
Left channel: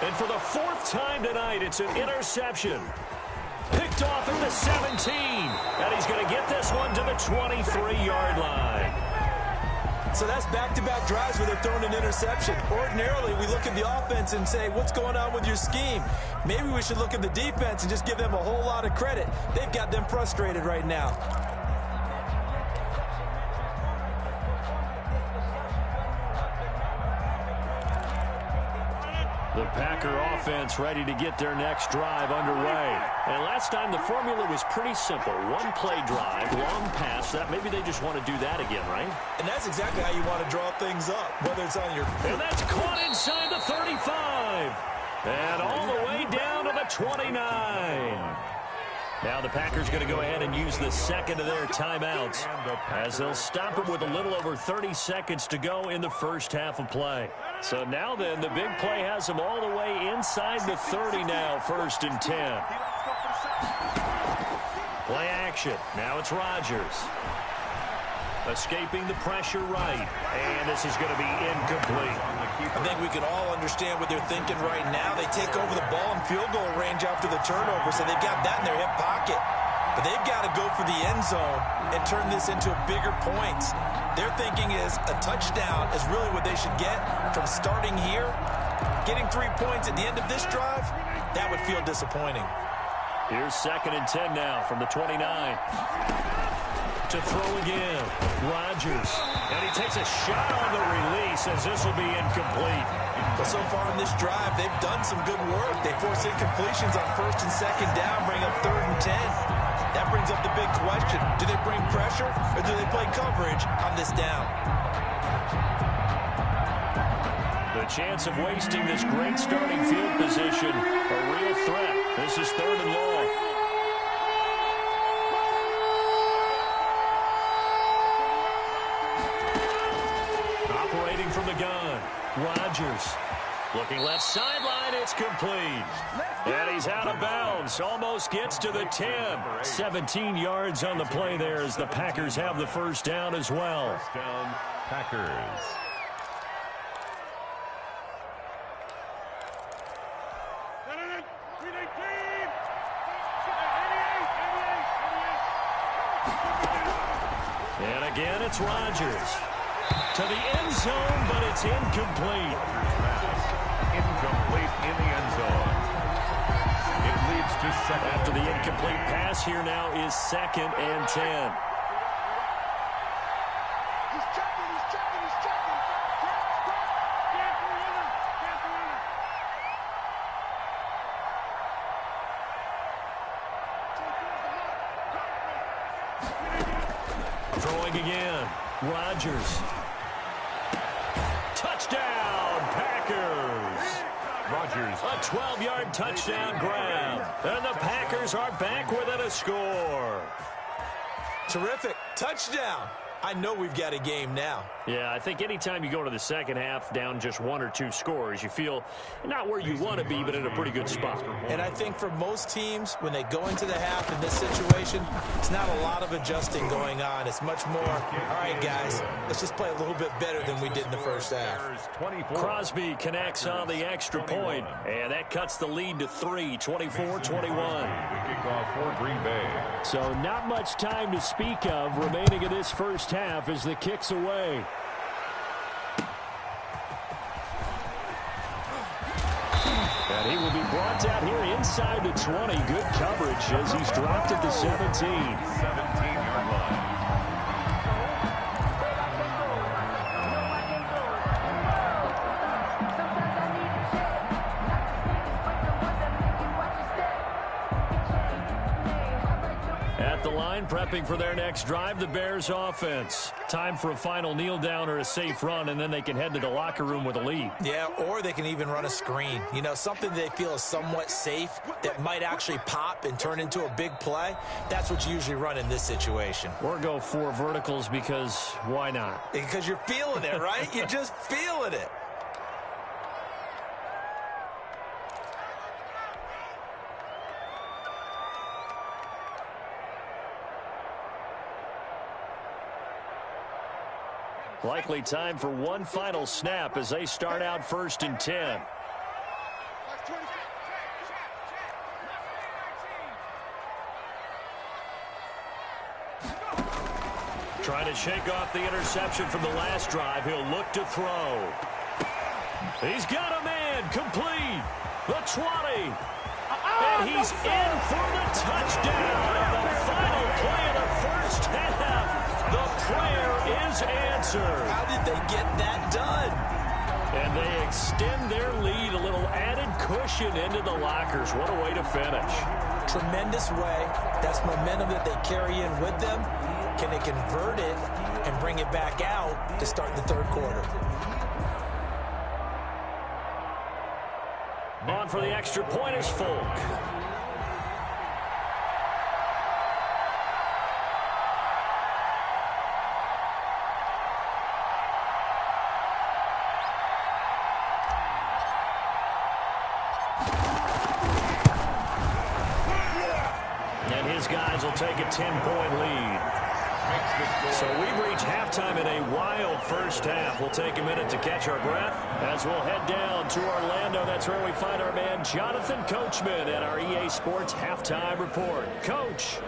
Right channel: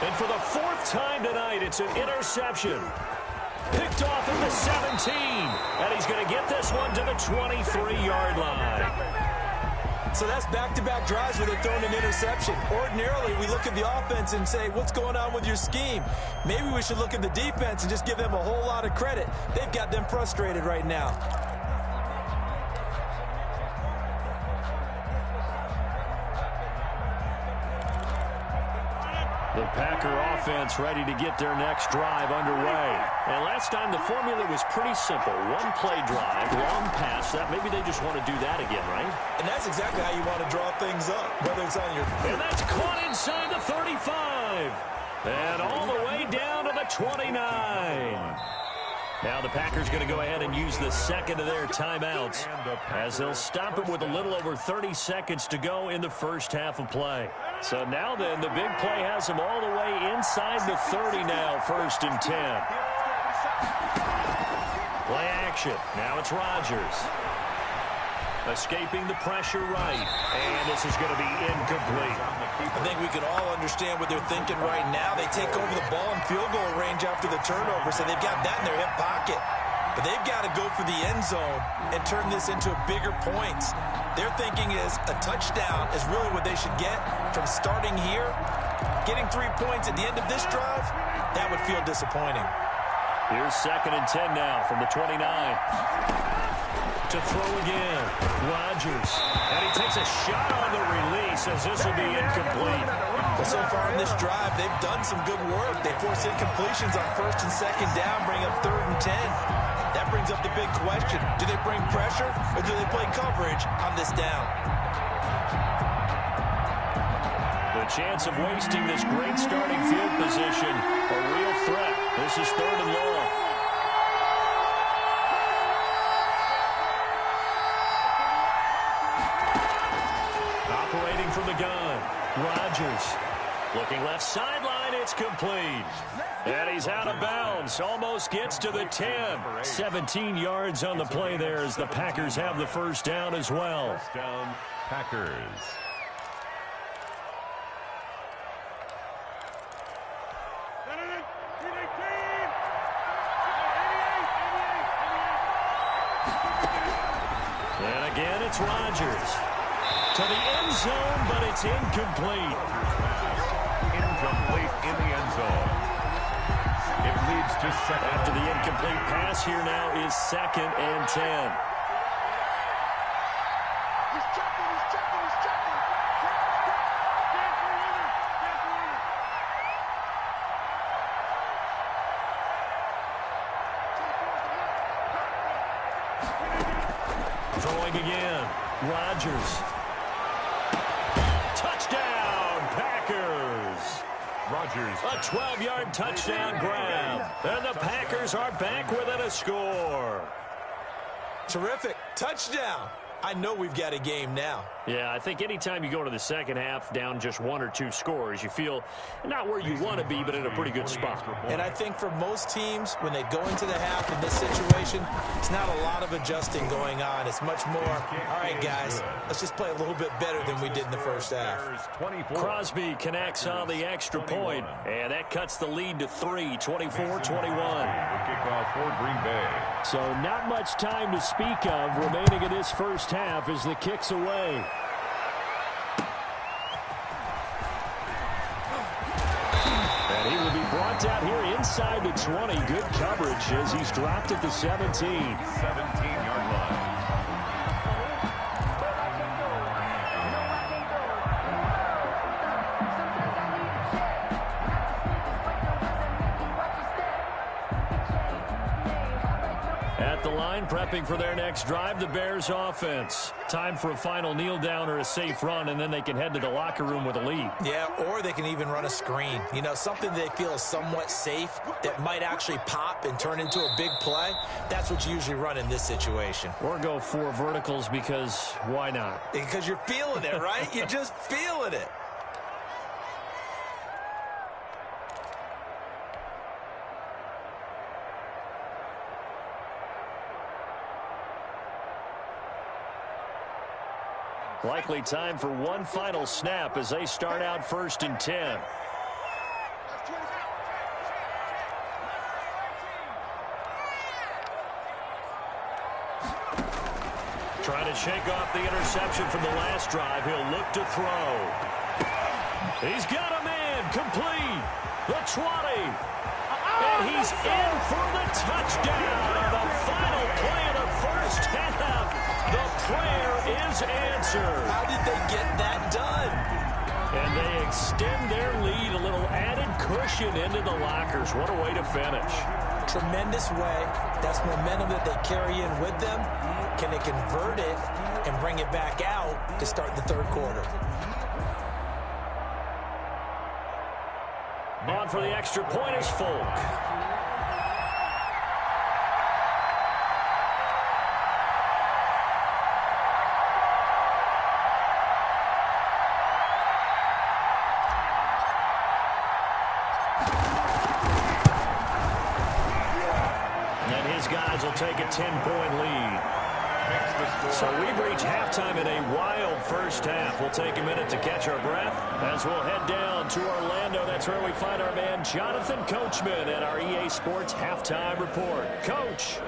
And for the 4th time tonight, it's an interception. Picked off at the 17. And he's going to get this one to the 23-yard line. So that's back-to-back drives where they're throwing an interception. Ordinarily, we look at the offense and say, what's going on with your scheme? Maybe we should look at the defense and just give them a whole lot of credit. They've got them frustrated right now. The Packer offense ready to get their next drive underway. And last time the formula was pretty simple. 1-play drive, long pass. That maybe they just want to do that again, right? And that's exactly how you want to draw things up, whether it's on your... And that's caught inside the 35. And all the way down to the 29. Now the Packers going to go ahead and use the second of their timeouts as they'll stop it with a little over 30 seconds to go in the first half of play. So now then, the big play has them all the way inside the 30 now, 1st and 10. Play action. Now it's Rodgers. Escaping the pressure right. And this is going to be incomplete. I think we can all understand what they're thinking right now. They take over the ball in field goal range after the turnover, so they've got that in their hip pocket. But they've got to go for the end zone and turn this into bigger points. Their thinking is a touchdown is really what they should get from starting here. Getting 3 points at the end of this drive, that would feel disappointing. Here's 2nd and 10 now from the 29. To throw again, Rodgers. And he takes a shot on the release as this will be incomplete. Well, so far in this drive, they've done some good work. They force incompletions on 1st and 2nd down, bring up 3rd and 10. That brings up the big question. Do they bring pressure or do they play coverage on this down? The chance of wasting this great starting field position, a real threat. This is 3rd and long. Operating from the gun, Rodgers. Looking left sideline, it's complete. And he's out of bounds, almost gets to the 10. 17 yards on the play there as the Packers have the first down as well. First down, Packers. And again, it's Rodgers. To the end zone, but it's incomplete. Incomplete in the end zone. It leads to 2nd. After the incomplete pass, here now is 2nd and 10. He's checking, he's checking, he's checking. Stand for runner, stand for runner. Throwing again, Rodgers. Touchdown, Packers. Rodgers. A 12-yard touchdown grab. And the Packers are back within a score. Terrific. Touchdown. I know we've got a game now. Yeah, I think anytime you go into the second half down just 1 or 2 scores, you feel not where you want to be, but in a pretty good spot. And I think for most teams, when they go into the half in this situation, it's not a lot of adjusting going on. It's much more, all right, guys, let's just play a little bit better than we did in the first half. Crosby connects on the extra point, and that cuts the lead to 3, 24-21. The kickoff for Green Bay. So not much time to speak of remaining in this first half as the kick's away. And he will be brought down here inside the 20. Good coverage as he's dropped at the 17. 17-yard line. At the line, prepping for their next drive, the Bears offense. Time for a final kneel down or a safe run, and then they can head to the locker room with a lead. Yeah, or they can even run a screen. You know, something they feel is somewhat safe that might actually pop and turn into a big play. That's what you usually run in this situation. Or go 4 verticals because why not? Because you're feeling it, right? You're just feeling it. Likely time for one final snap as they start out 1st and 10. Trying to shake off the interception from the last drive. He'll look to throw. He's got a man complete. The 20. And he's in for the touchdown on the final play of the first half. The prayer is answered. How did they get that done? And they extend their lead, a little added cushion into the lockers. What a way to finish. Tremendous way. That's momentum that they carry in with them. Can they convert it and bring it back out to start the third quarter? On for the extra point is Folk. guys will take a 10-point lead. So we've reached halftime in a wild first half. We'll take a minute to catch our breath as we'll head down to Orlando. That's where we find our man Jonathan Coachman at our EA Sports Halftime Report. Coach.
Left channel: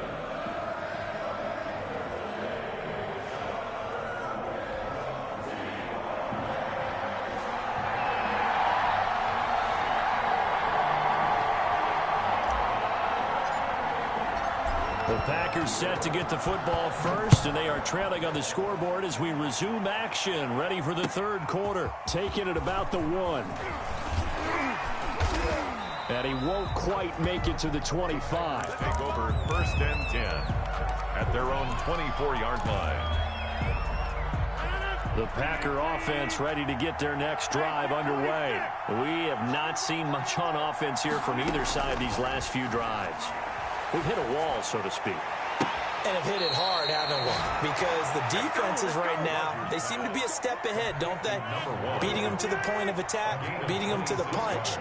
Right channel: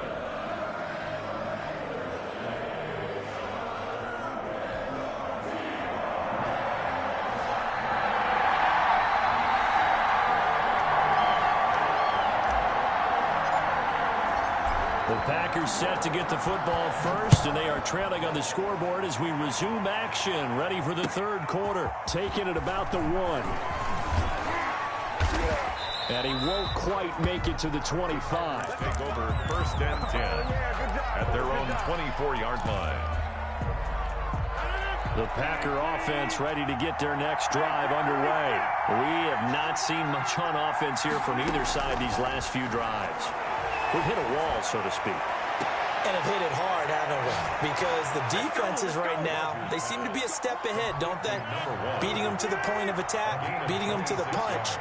The Packers set to get the football first, and they are trailing on the scoreboard as we resume action, ready for the third quarter. Taking it about the 1. And he won't quite make it to the 25. Take over 1st and 10 at their own 24-yard line. The Packer offense ready to get their next drive underway. We have not seen much on offense here from either side these last few drives. We've hit a wall, so to speak. And have hit it hard, haven't we? Because the defenses right now, they seem to be a step ahead, don't they? Beating them to the point of attack, beating them to the punch.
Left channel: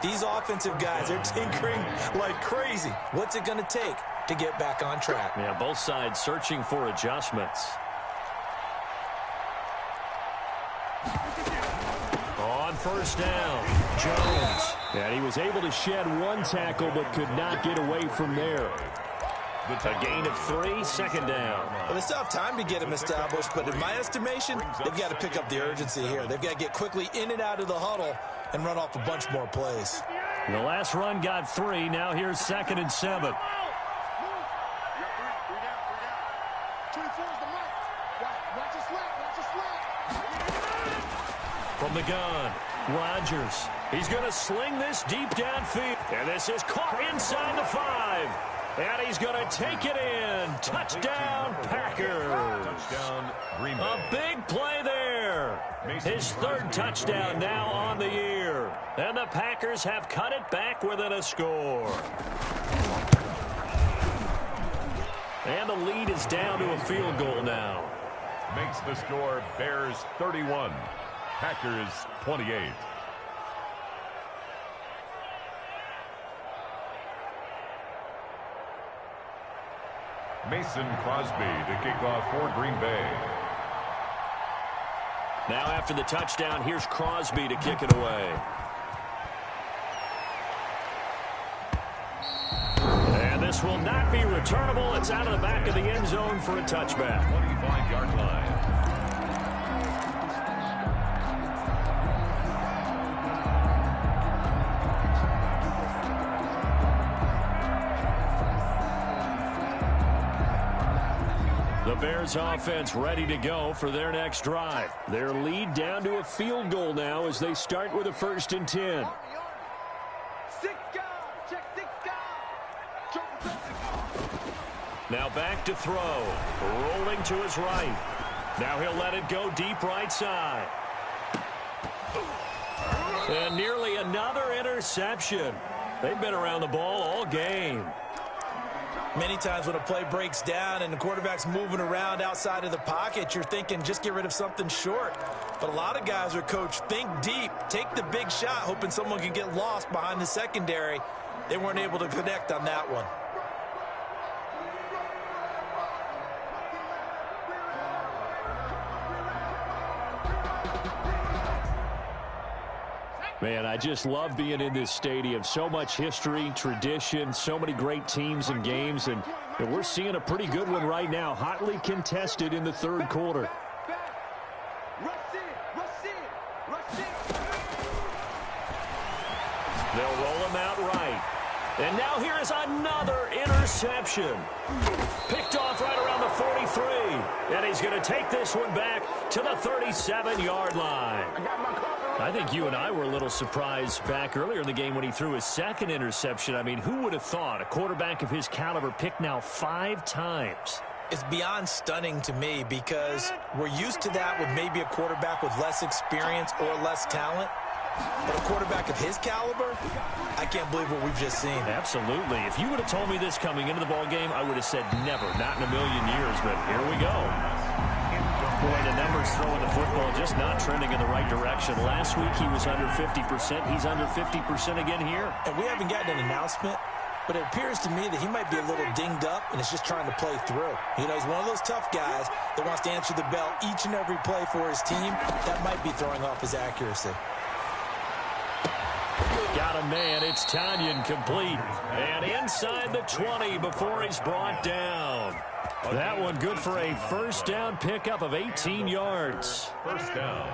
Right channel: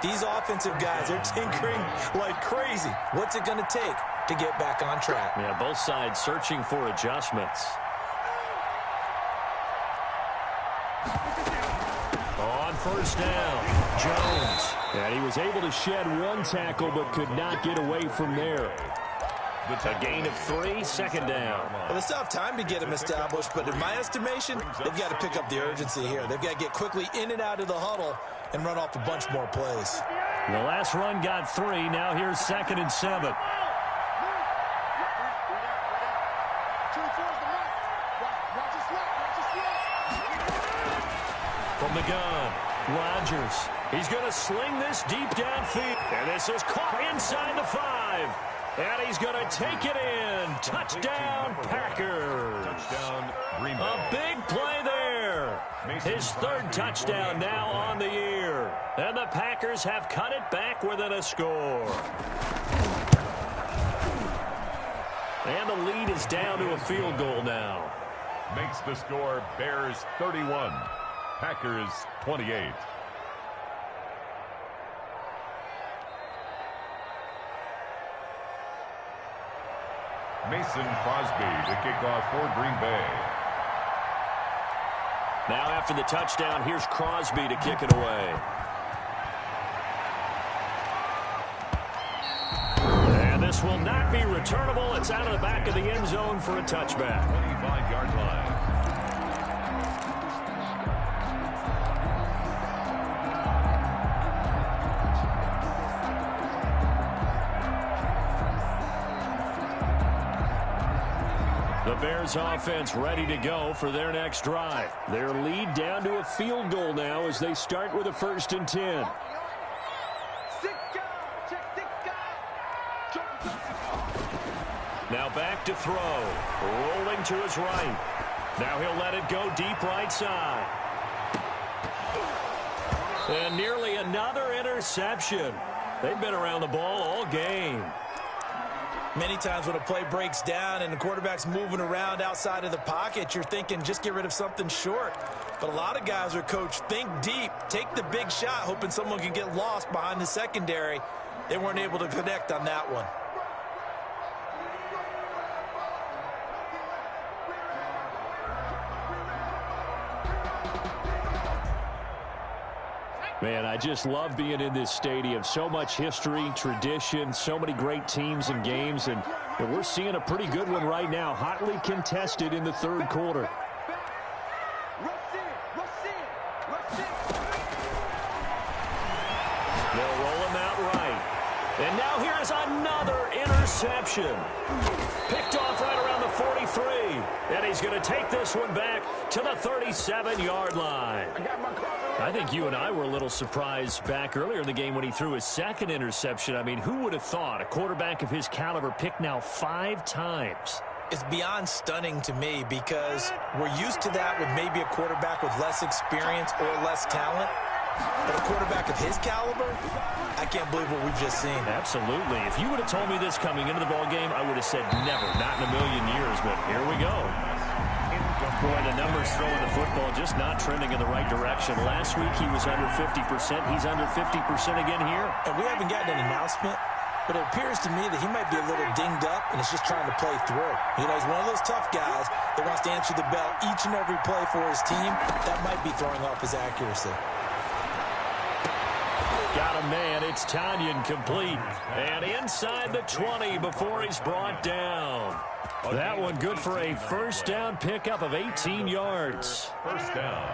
These offensive guys, they're tinkering like crazy. What's it going to take to get back on track? Yeah, both sides searching for adjustments. On first down, Jones. And he was able to shed one tackle but could not get away from there. A gain of 3, 2nd down. Well, they still have time to get him established, but in my estimation, they've got to pick up the urgency here. They've got to get quickly in and out of the huddle and run off a bunch more plays. The last run got 3. Now here's 2nd and 7. 24 is the mark. Watch his left. From the gun, Rodgers. He's going to sling this deep downfield. And this is caught inside the 5. And he's going to take it in. Touchdown, Packers. Touchdown, Green Bay. A big play there. His 3rd touchdown now on the year. And the Packers have cut it back within a score. And the lead is down to a field goal now. Makes the score Bears 31. Packers 28. Mason Crosby to kick off for Green Bay. Now after the touchdown, here's Crosby to kick it away. And this will not be returnable. It's out of the back of the end zone for a touchback. 25-yard line. The Bears offense ready to go for their next drive. Their lead down to a field goal now as they start with a 1st and 10. 6 guys. Check 6 guys. Now back to throw. Rolling to his right. Now he'll let it go deep right side. And nearly another interception. They've been around the ball all game. Many times when a play breaks down and the quarterback's moving around outside of the pocket, you're thinking just get rid of something short. But a lot of guys are coached, think deep, take the big shot, hoping someone can get lost behind the secondary. They weren't able to connect on that one. Man, I just love being in this stadium. So much history, tradition, so many great teams and games, and we're seeing a pretty good one right now, hotly contested in the 3rd quarter. They'll roll him out right. And now here is another interception. Picked off right around the 43. And he's going to take this one back to the 37-yard line. I think you and I were a little surprised back earlier in the game when he threw his 2nd interception. I mean, who would have thought a quarterback of his caliber picked now 5 times? It's beyond stunning to me because we're used to that with maybe a quarterback with less experience or less talent. But a quarterback of his caliber, I can't believe what we've just seen. Absolutely. If you would have told me this coming into the ball game, I would have said never, not in a million years. But here we go. Boy, the numbers throwing the football just not trending in the right direction. Last week he was under 50%. He's under 50% again here. And we haven't gotten an announcement but it appears to me that he might be a little dinged up and is just trying to play through. You know, he's one of those tough guys that wants to answer the bell each and every play for his team. That might be throwing off his accuracy. Got a man. It's Tanyan complete. And inside the 20 before he's brought down. That one good for a first down pickup of 18 yards. First down.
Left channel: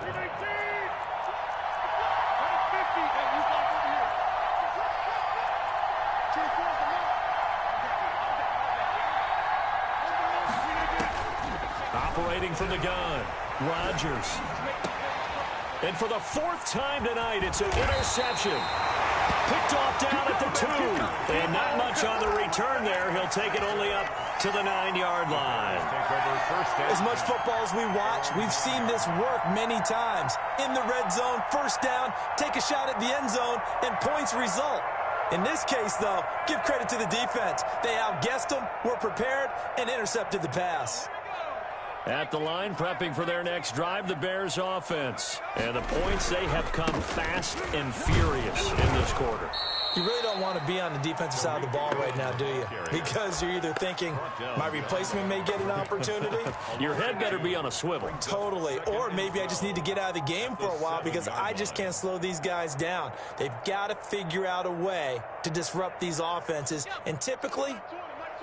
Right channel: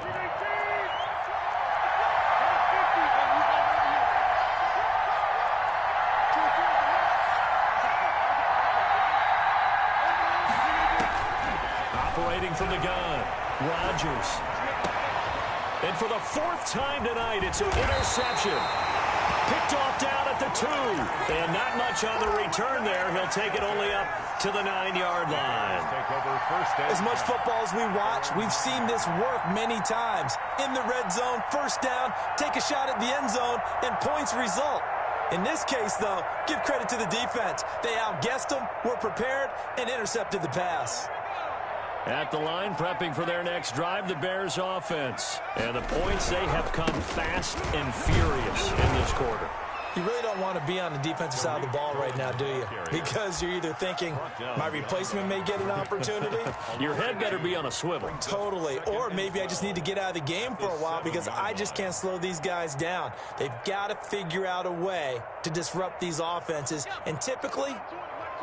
Operating from the gun, Rodgers. And for the fourth time tonight, it's an interception. Picked off down at the 2. And not much on the return there. He'll take it only up to the 9-yard line. As much football as we watch, we've seen this work many times. In the red zone, first down, take a shot at the end zone, and points result. In this case, though, give credit to the defense. They outguessed them, were prepared, and intercepted the pass. At the line, prepping for their next drive, the Bears offense. And the points, they have come fast and furious in this quarter. You really don't want to be on the defensive side of the ball right now, do you? Because you're either thinking, my replacement may get an opportunity. Your head better be on a swivel. Totally. Or maybe I just need to get out of the game for a while because I just can't slow these guys down. They've got to figure out a way to disrupt these offenses. And typically,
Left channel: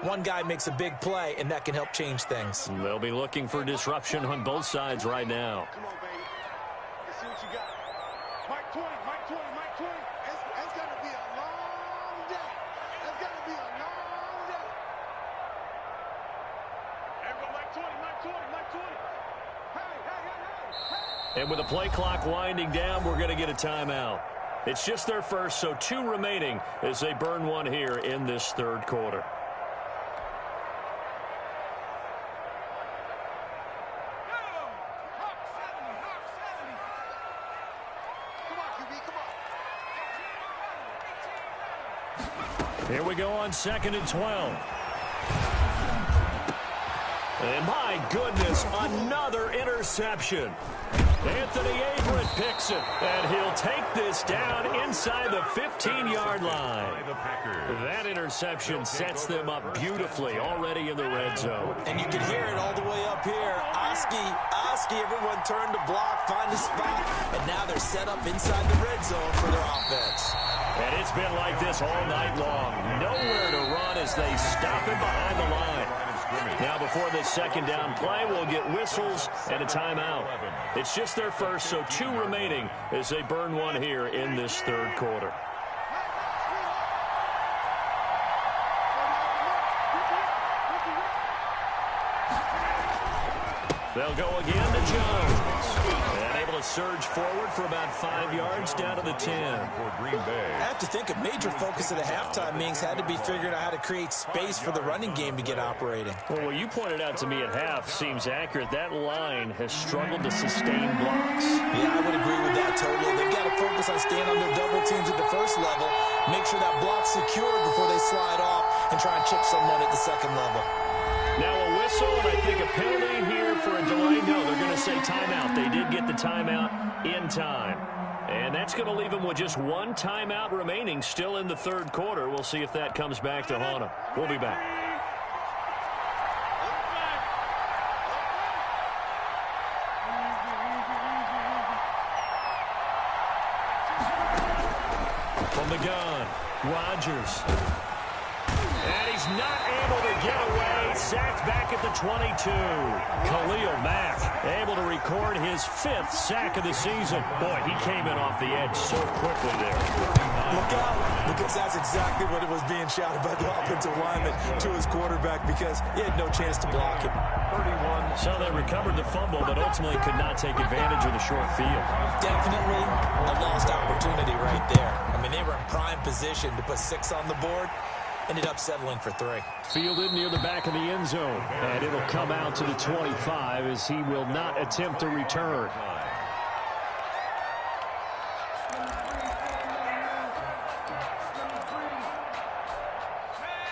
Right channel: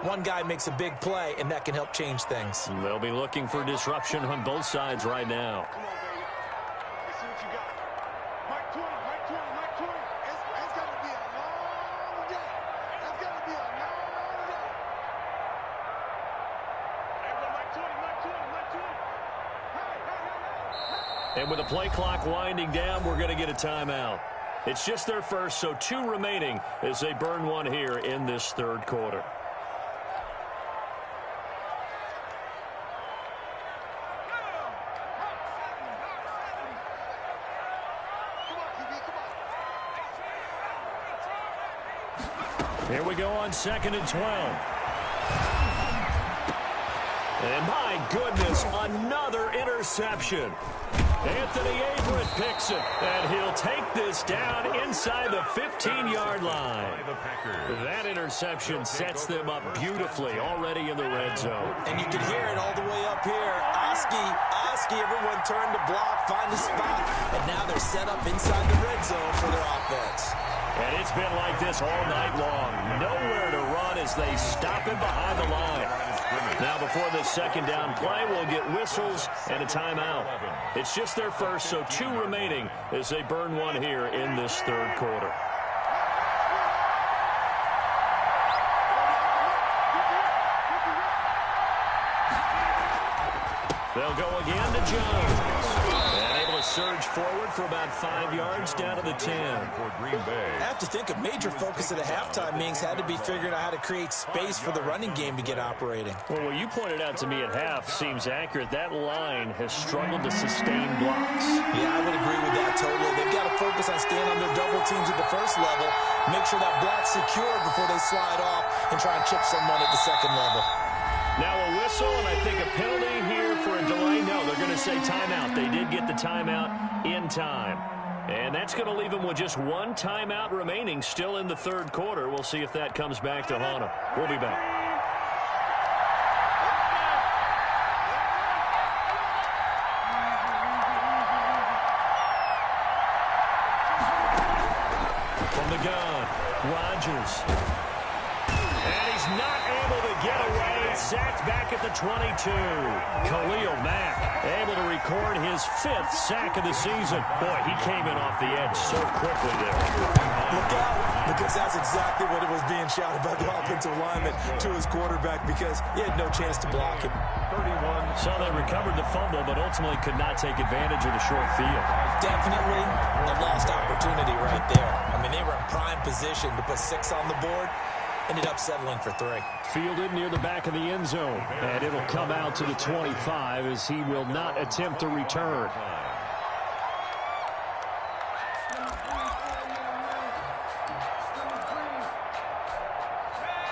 one guy makes a big play, and that can help change things. They'll be looking for disruption on both sides right now. Come on, baby. Let's see what you got. Mike 20, Mike 20, Mike 20. It's going to be a long day. It's going to be a long day. There we go, Mike 20, Mike 20, Mike 20. Hey. And with the play clock winding down, we're going to get a timeout. It's just their first, so 2 remaining as they burn one here in this third quarter. Here we go on 2nd and 12. And my goodness, another interception. Anthony Averett picks it, and he'll take this down inside the 15-yard line. That interception sets them up beautifully already in the red zone. And you can hear it all the way up here. Oski, everyone turned to block, find a spot, and now they're set up inside the red zone for their offense. And it's been like this all night long. Nowhere to run as they stop him behind the line. Now before this second down play, we'll get whistles and a timeout. It's just their first, so 2 remaining as they burn one here in this third quarter. They'll go again to Jones. And able to surge forward for about 5 yards down to the 10. I have to think a major focus of the halftime meetings had to be figuring out how to create space for the running game to get operating. Well, what you pointed out to me at half seems accurate. That line has struggled to sustain blocks. Yeah, I would agree with that totally. They've got to focus on staying on their double teams at the first level, make sure that block's secure before they slide off and try and chip someone at the second level. Now a whistle, and I think a penalty here for a delay. No, they're going to say timeout. They did get the timeout in time. And that's going to leave them with just 1 timeout remaining still in the third quarter. We'll see if that comes back to haunt them. We'll be back. From the gun, Rodgers. And he's not able to get away. Sacked back at the 22. Khalil Mack able to record his 5th sack of the season. Boy, he came in off the edge so quickly there. Look out, because that's exactly what it was being shouted by the offensive lineman to his quarterback because he had no chance to block him. 31. So they recovered the fumble, but ultimately could not take advantage of the short field. Definitely a lost opportunity right there. I mean, they were in prime position to put 6 on the board. Ended up settling for 3. Fielded near the back of the end zone. And it'll come out to the 25 as he will not attempt to return.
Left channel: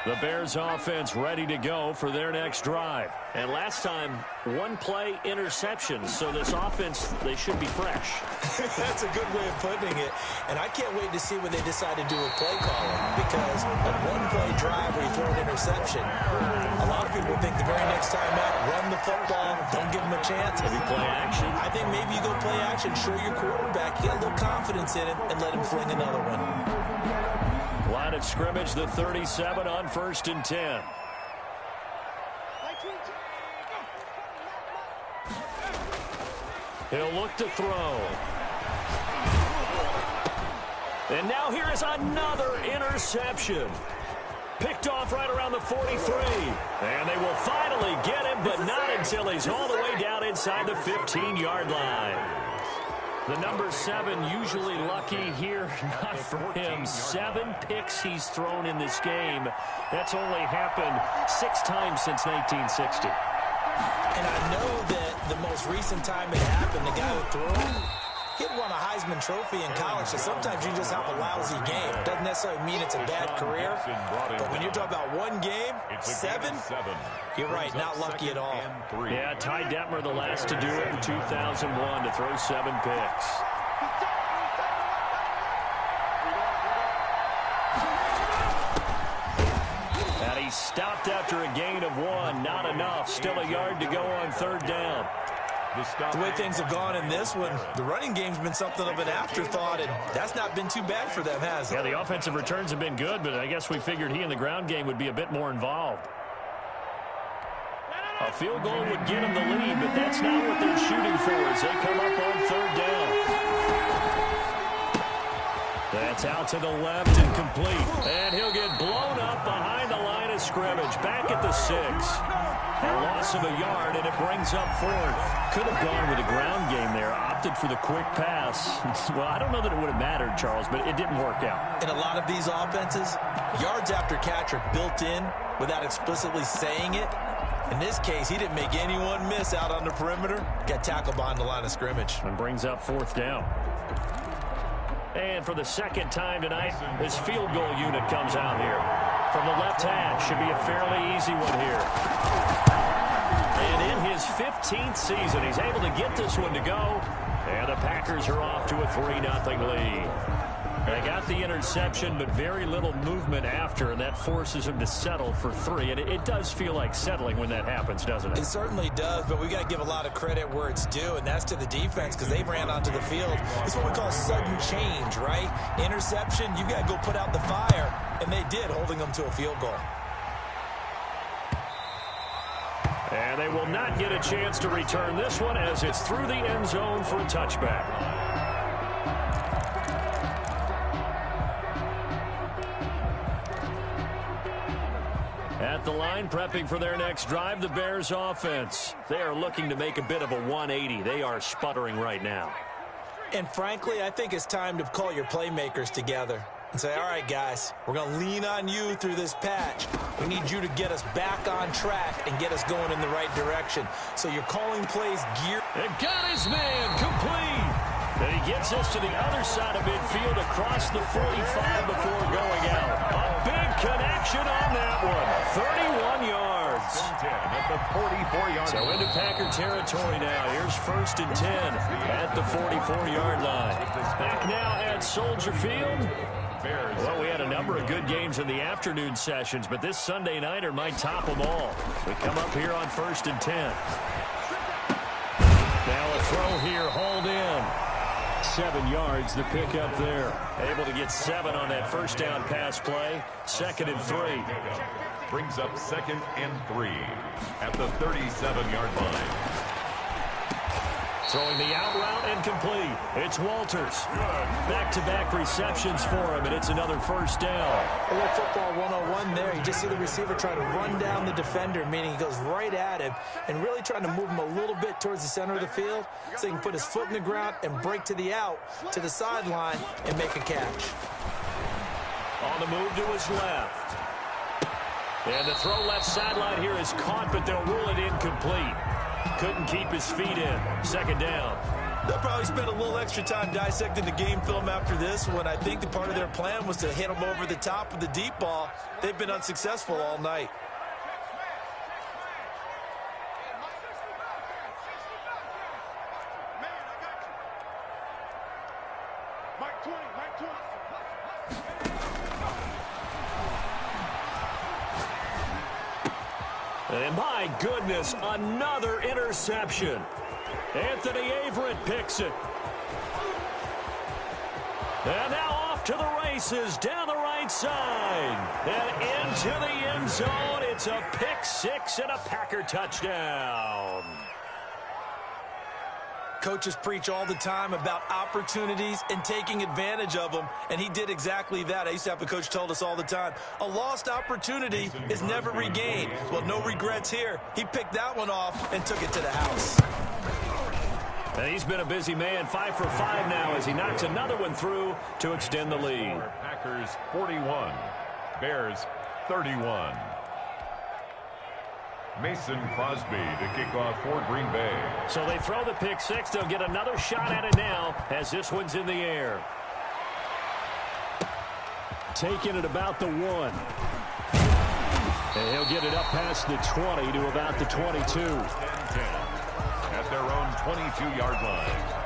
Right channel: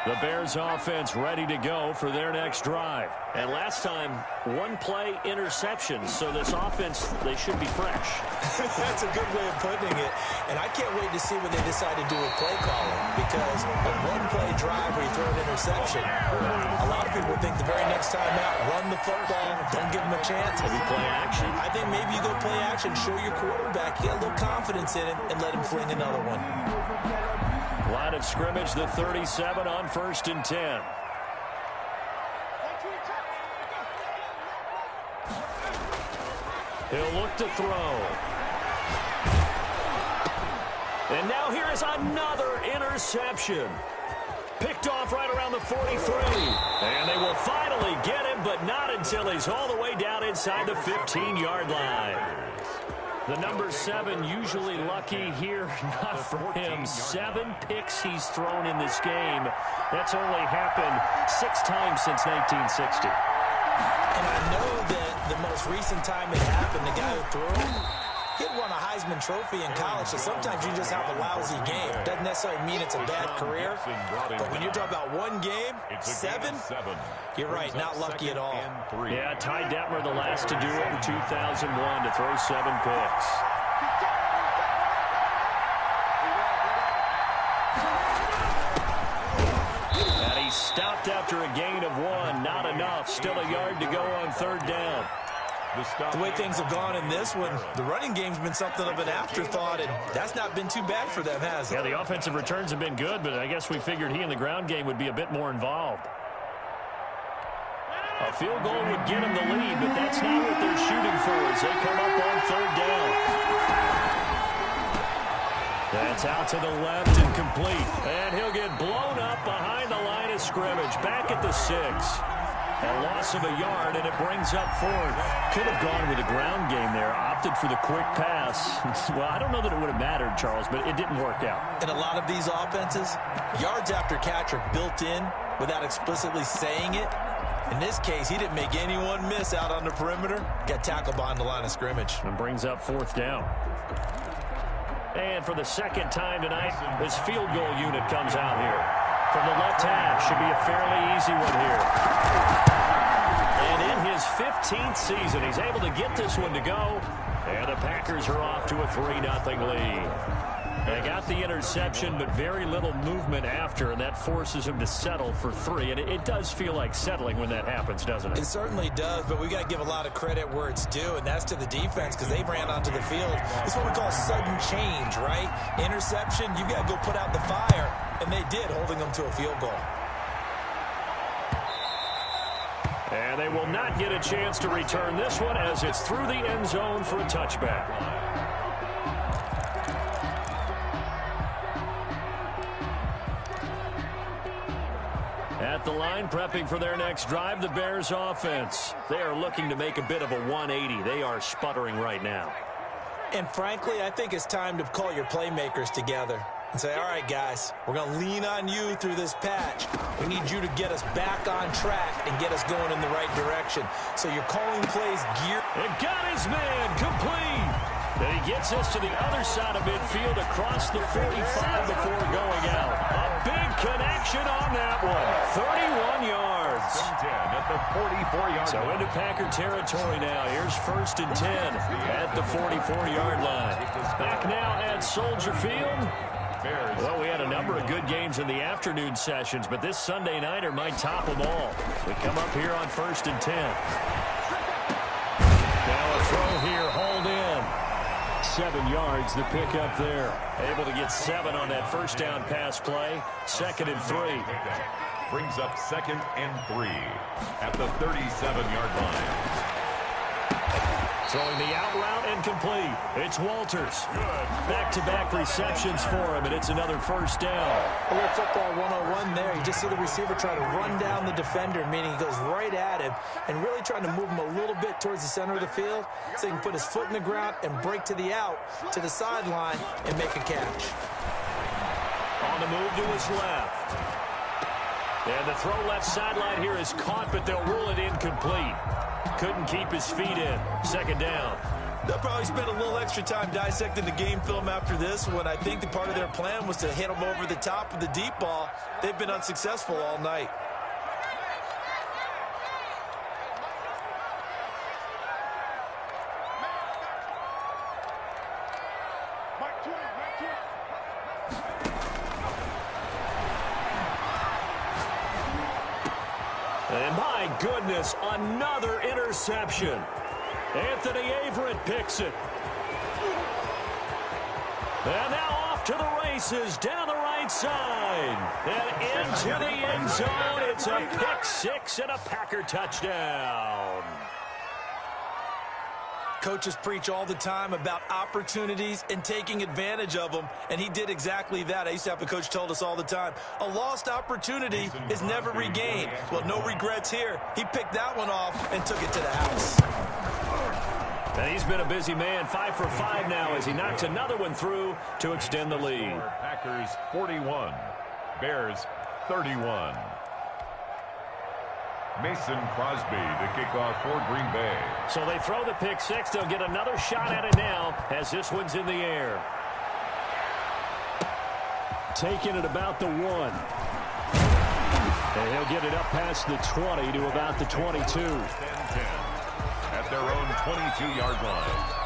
The Bears offense ready to go for their next drive. And last time, one play interception. So this offense, they should be fresh. That's a good way of putting it. And I can't wait to see what they decide to do with play calling. Because a one-play drive where you throw an interception, a lot of people think the very next time out, run the football, don't give them a chance. Maybe play action. I think maybe you go play action, show your quarterback, get a little confidence in it, and let him fling another one. Line of scrimmage, the 37 on 1st and 10. He'll look to throw. And now here is another interception. Picked off right around the 43. And they will finally get him, but not until he's all the way down inside the 15-yard line. The number 7 usually lucky here, not for him. 7 picks he's thrown in this game. That's only happened 6 times since 1960. And I know that the most recent time it happened, the guy who threw him, he'd won a Heisman Trophy in college, so sometimes you just have a lousy game. Doesn't necessarily mean it's a bad career, but when you're talking about one game, 7, you're right, not lucky at all. Yeah, Ty Detmer, the last to do it in 2001, to throw 7 picks. And he stopped after a gain of 1, not enough. Still a yard to go on 3rd down. The way things have gone in this one, the running game's been something of an afterthought, and that's not been too bad for them, has it? Yeah, the offensive returns have been good, but I guess we figured he in the ground game would be a bit more involved. A field goal would get them the lead, but that's not what they're shooting for as they come up on 3rd down. That's out to the left and complete. And he'll get blown up behind the line of scrimmage. Back at the 6. A loss of a yard, and it brings up 4th. Could have gone with a ground game there. Opted for the quick pass. Well, I don't know that it would have mattered, Charles, but it didn't work out. In a lot of these offenses, yards after catch are built in without explicitly saying it. In this case, he didn't make anyone miss out on the perimeter. Got tackled behind the line of scrimmage. And brings up 4th down. And for the second time tonight, this field goal unit comes out here. From the left hash, should be a fairly easy one here. And in his 15th season, he's able to get this one to go. And the Packers are off to a 3-0 lead. They got the interception, but very little movement after, and that forces him to settle for 3. And it does feel like settling when that happens, doesn't it? It certainly does, but we got to give a lot of credit where it's due, and that's to the defense because they ran onto the field. It's what we call sudden change, right? Interception, you got to go put out the fire, and they did, holding them to a field goal. And they will not get a chance to return this one as it's through the end zone for a touchback. At the line, prepping for their next drive, the Bears offense. They are looking to make a bit of a 180. They are sputtering right now. And frankly, I think it's time to call your playmakers together and say, all right, guys, we're going to lean on you through this patch. We need you to get us back on track and get us going in the right direction. So you're calling plays geared. And got his man complete. And he gets us to the other side of midfield across the 45 before going out. A big connection on that one. 31 yards. At the 44-yard so into Packer territory now. Here's 1st and 10 at the 44-yard line. Back now at Soldier Field. Well, we had a number of good games in the afternoon sessions, but this Sunday nighter might top them all. We come up here on 1st and 10. Now a throw here, hauled in. 7 yards, the pickup there. Able to get 7 on that first down pass play. 2nd and 3. Brings up 2nd and 3 at the 37-yard line. Throwing the out route and complete. It's Walters. Back-to-back receptions for him, and it's another first down. A little football 101 there. You just see the receiver try to run down the defender, meaning he goes right at him and really trying to move him a little bit towards the center of the field so he can put his foot in the ground and break to the out, to the sideline, and make a catch. On the move to his left. And the throw left sideline here is caught, but they'll rule it incomplete. Couldn't keep his feet in. 2nd down. They'll probably spend a little extra time dissecting the game film after this one. I think the part of their plan was to hit them over the top of the deep ball. They've been unsuccessful all night. And my goodness, another interception. Anthony Averett picks it. And now off to the races, down the right side. And into the end zone. It's a pick six and a Packer touchdown. Coaches preach all the time about opportunities and taking advantage of them, and he did exactly that. I used to have a coach told us all the time, a lost opportunity is never regained. Well, no regrets here. He picked that one off and took it to the house. And he's been a busy man, 5 for 5 now as he knocks another one through to extend the lead. Packers 41, Bears 31. Mason Crosby to kick off for Green Bay. So they throw the pick six. They'll get another shot at it now as this one's in the air. Taking it about the 1. And he'll get it up past the 20 to about the 22. 10-10 at their own 22-yard line.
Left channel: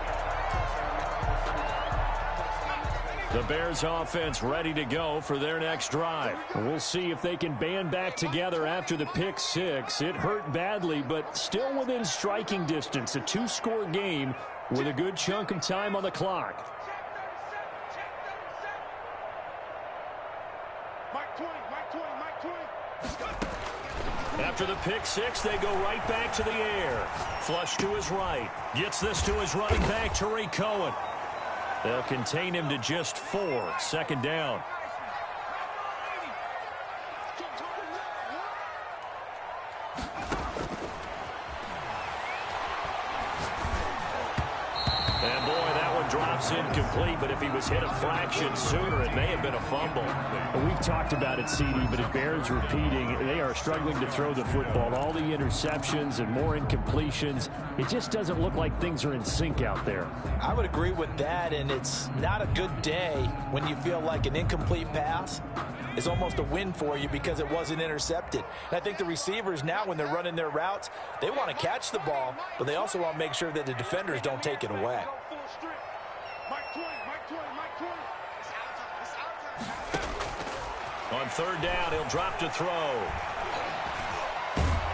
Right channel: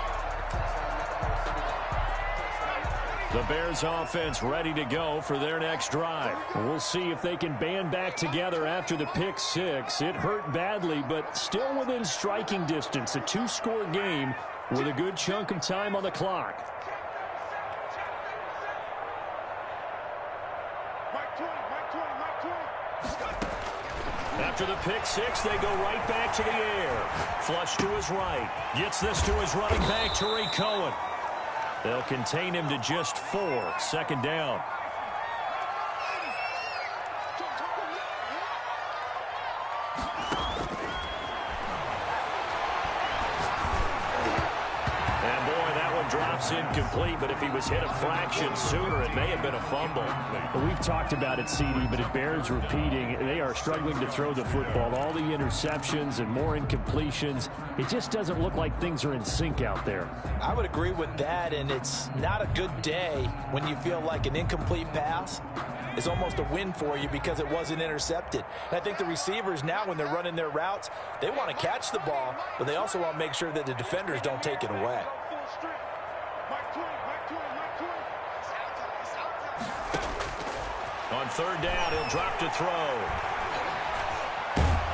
The Bears offense ready to go for their next drive. We'll see if they can band back together after the pick six. It hurt badly, but still within striking distance. A 2-score game with a good chunk of time on the clock. After the pick six, they go right back to the air. Flush to his right. Gets this to his running back, Tariq Cohen. They'll contain him to just 4. Second down. And boy, that one drops incomplete, but if he was hit a fraction sooner, it may have been a fumble. We've talked about it, CD, but it bears repeating. They are struggling to throw the football. All the interceptions and more incompletions. It just doesn't look like things are in sync out there. I would agree with that, and it's not a good day when you feel like an incomplete pass is almost a win for you because it wasn't intercepted. And I think the receivers now, when they're running their routes, they want to catch the ball, but they also want to make sure that the defenders don't take it away. On third down, he'll drop to throw.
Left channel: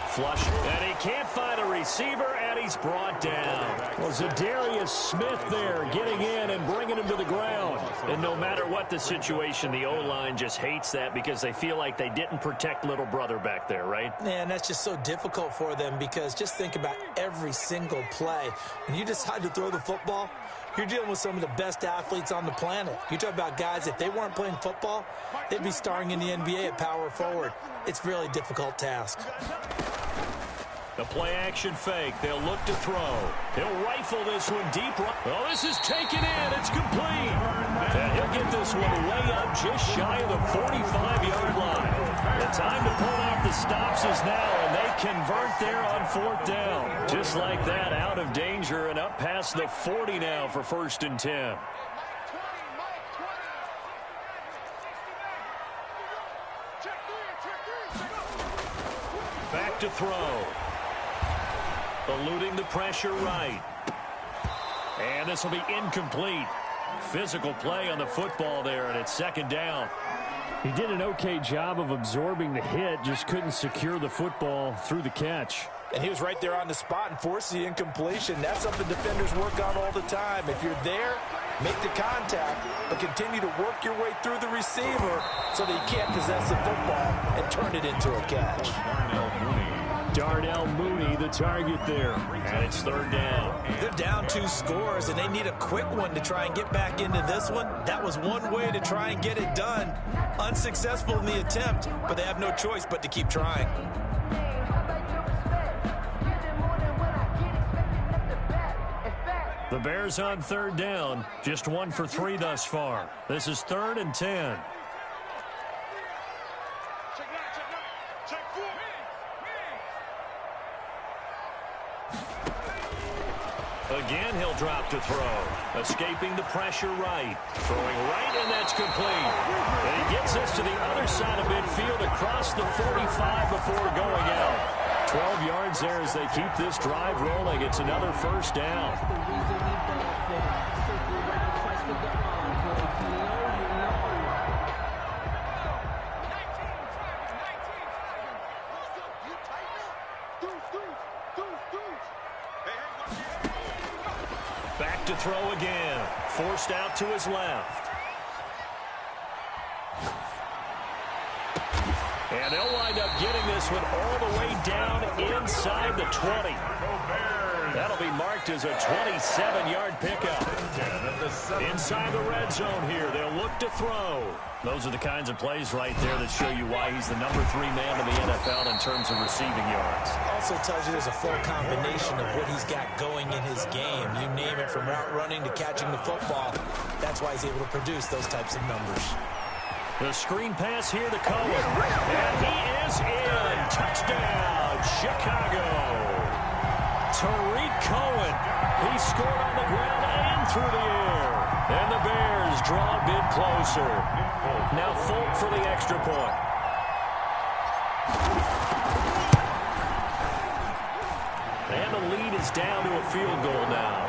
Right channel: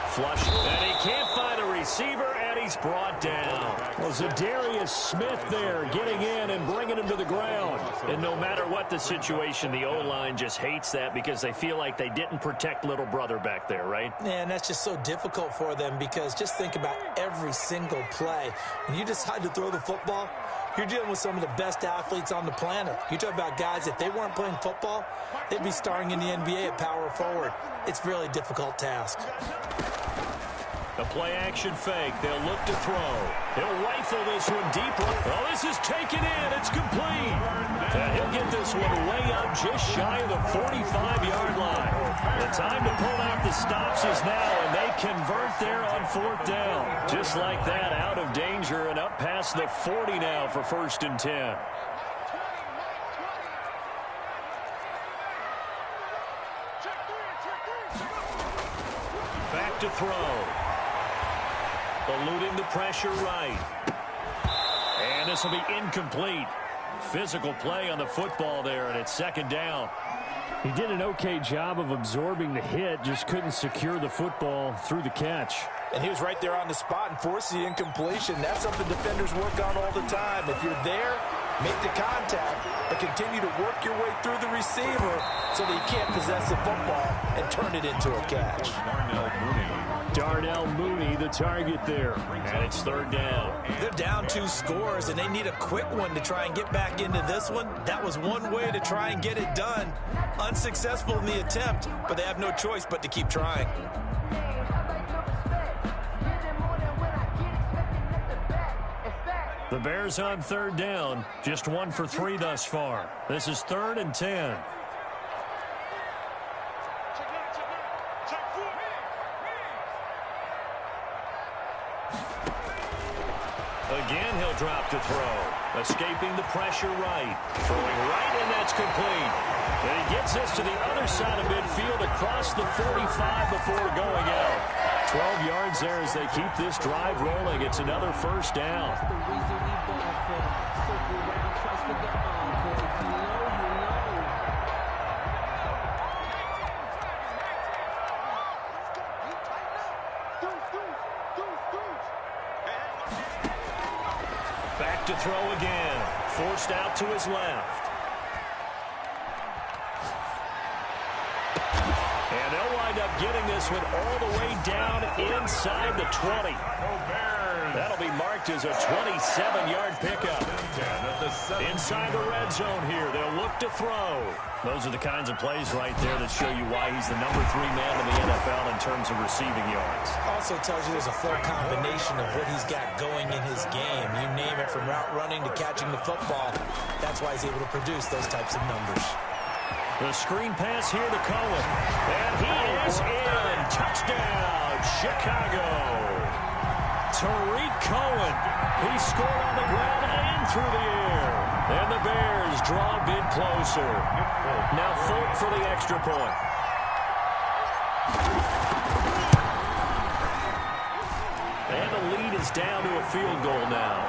Flush, and he can't find a receiver, and he's brought down. Well, Zadarius Smith there getting in and bringing him to the ground. And no matter what the situation, the O-line just hates that because they feel like they didn't protect little brother back there, right? Yeah, and that's just so difficult for them because just think about every single play. When you decide to throw the football, you're dealing with some of the best athletes on the planet. You talk about guys, if they weren't playing football, they'd be starring in the NBA at power forward. It's a really difficult task. The play-action fake. They'll look to throw. He'll rifle this one deep. Oh, this is taken in. It's complete. And he'll get this one way up just shy of the 45-yard line. The time to pull out the stops is now, and they convert there on fourth down. Just like that, out of danger and up past the 40 now for 1st and 10. Back to throw. Eluding the pressure right. And this will be incomplete. Physical play on the football there, and it's second down. He did an okay job of absorbing the hit, just couldn't secure the football through the catch. And he was right there on the spot and forced the incompletion. That's something defenders work on all the time. If you're there, make the contact, but continue to work your way through the receiver so that you can't possess the football and turn it into a catch. Darnell Mooney, the target there. And it's third down. They're down 2 scores, and they need a quick one to try and get back into this one. That was one way to try and get it done. Unsuccessful in the attempt, but they have no choice but to keep trying. The Bears on third down, just 1 for 3 thus far. This is 3rd and 10. Again, he'll drop to throw. Escaping the pressure right. Throwing right, and that's complete. And he gets this to the other side of midfield across the 45 before going out. 12 yards there as they keep this drive rolling. It's another first down. That's the reason we ball for. Circle round twice for the encore. If you know, you know. You tighten up. Deuce. Back to throw again. Forced out to his left. And they'll wind up getting this one all the way down inside the 20. That'll be marked as a 27-yard pickup. Inside the red zone here, they'll look to throw. Those are the kinds of plays right there that show you why he's the number 3 man in the NFL in terms of receiving yards. Also tells you there's a full combination of what he's got going in his game. You name it, from route running to catching the football. That's why he's able to produce those types of numbers. The screen pass here to Cohen. And he is in. Touchdown, Chicago. Tariq Cohen. He scored on the ground and through the air. And the Bears draw a bit closer. Now Folk for the extra point. And the lead is down to a field goal now.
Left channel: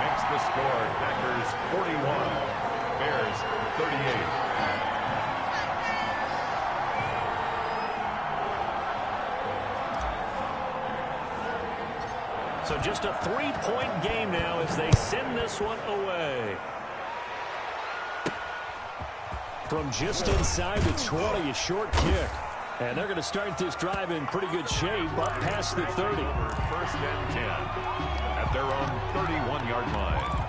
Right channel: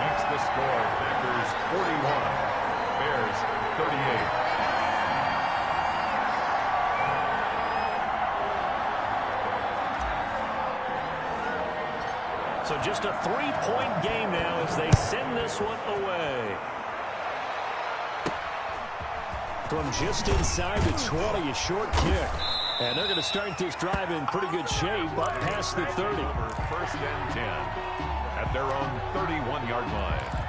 Makes the score Packers 41, Bears 38. So just a 3-point game now as they send this one away. From just inside the 20, a short kick. And they're going to start this drive in pretty good shape, up past the 30. First and 10 at their own 31-yard line.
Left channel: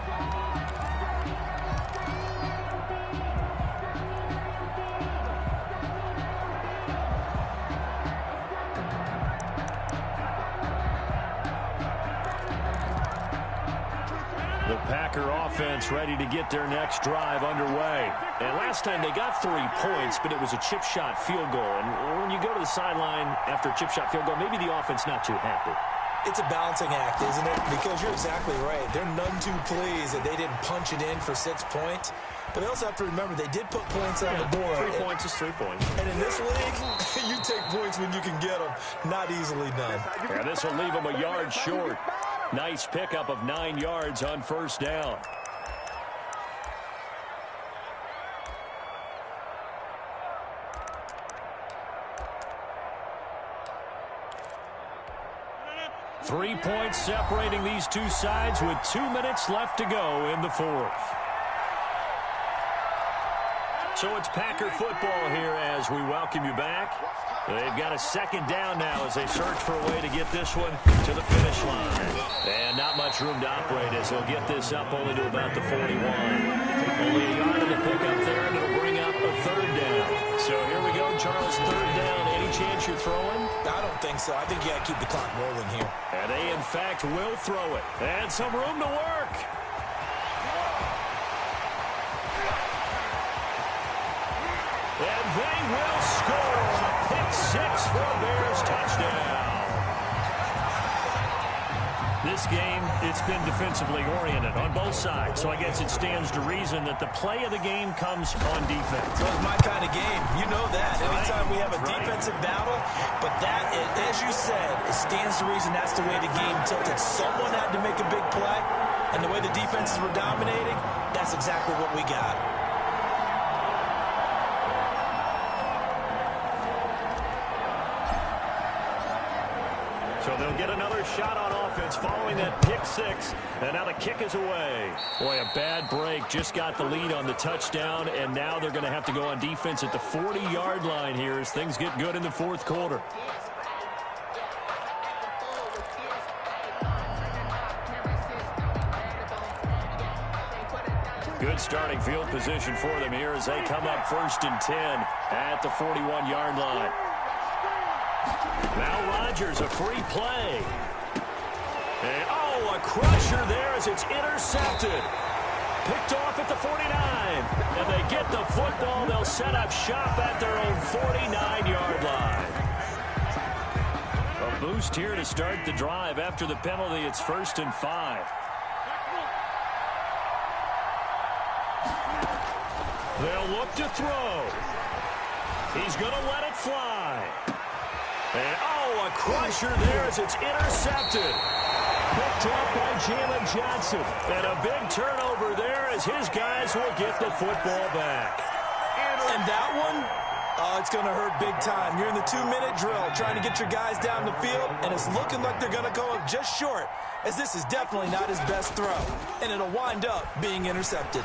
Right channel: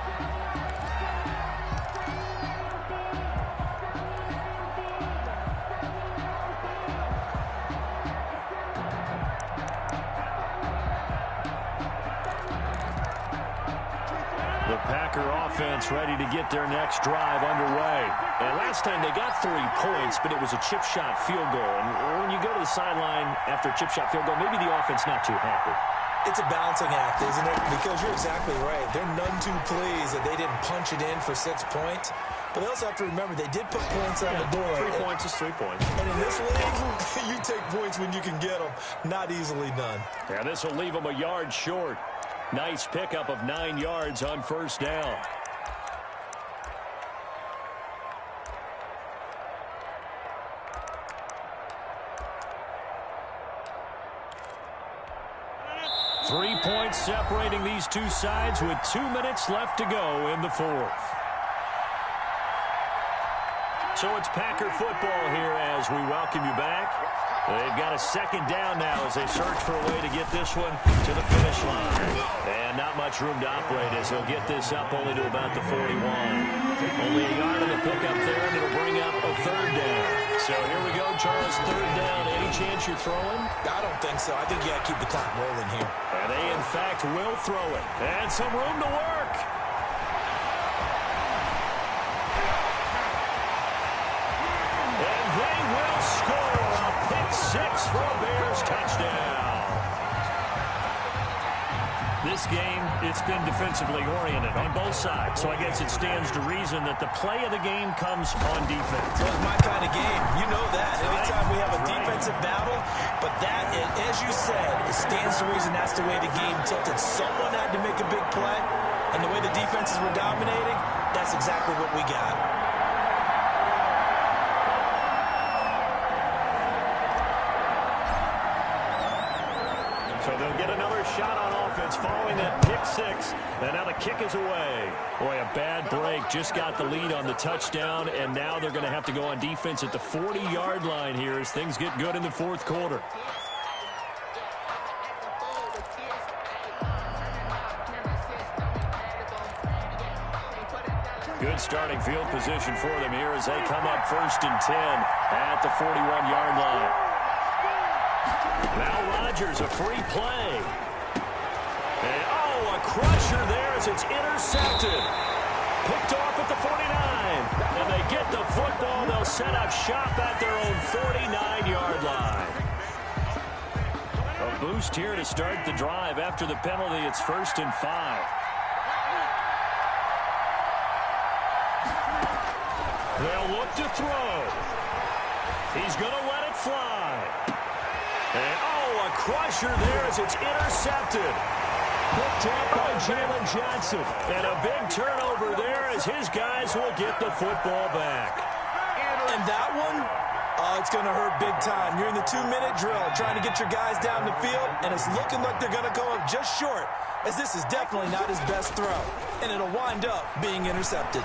The Packer offense ready to get their next drive underway. And last time they got 3 points, but it was a chip shot field goal. And when you go to the sideline after a chip shot field goal, maybe the offense not too happy. It's a balancing act, isn't it? Because you're exactly right. They're none too pleased that they didn't punch it in for 6 points. But they also have to remember they did put points on the board. 3 points is 3 points. And in this league, you take points when you can get them. Not easily done. Yeah, this will leave them a yard short. Nice pickup of 9 yards on first down. Three points separating these two sides with 2 minutes left to go in the fourth. So it's Packer football here as we welcome you back. They've got a second down now as they search for a way to get this one to the finish line. And not much room to operate as he'll get this up only to about the 41. Only a yard of the pickup there, and it'll bring up a third down. So here we go, Charles, third down. Any chance you're throwing? I don't think so. I think you got to keep the clock rolling here. And they, in fact, will throw it. And some room to work. And they will score a pick six for a Bears touchdown. This game, it's been defensively oriented on both sides, so I guess it stands to reason that the play of the game comes on defense. So it's my kind of game. You know that. Anytime we have a defensive battle, but that, as you said, it stands to reason that's the way the game tilted. Someone had to make a big play, and the way the defenses were dominating, that's exactly what we got. So they'll get another shot on offense following that pick six. And now the kick is away. Boy, a bad break. Just got the lead on the touchdown. And now they're going to have to go on defense at the 40-yard line here as things get good in the fourth quarter. Good starting field position for them here as they come up 1st and 10 at the 41-yard line. Now Rodgers, a free play. And, a crusher there as it's intercepted. Picked off at the 49. And they get the football. They'll set up shop at their own 49-yard line. A boost here to start the drive. After the penalty, it's 1st and 5. They'll look to throw. He's going to let it fly. And, a crusher there as it's intercepted. Picked up by Jalen Johnson. And a big turnover there as his guys will get the football back. And that one, it's going to hurt big time. You're in the 2-minute drill trying to get your guys down the field, and it's looking like they're going to go up just short, as this is definitely not his best throw. And it'll wind up being intercepted.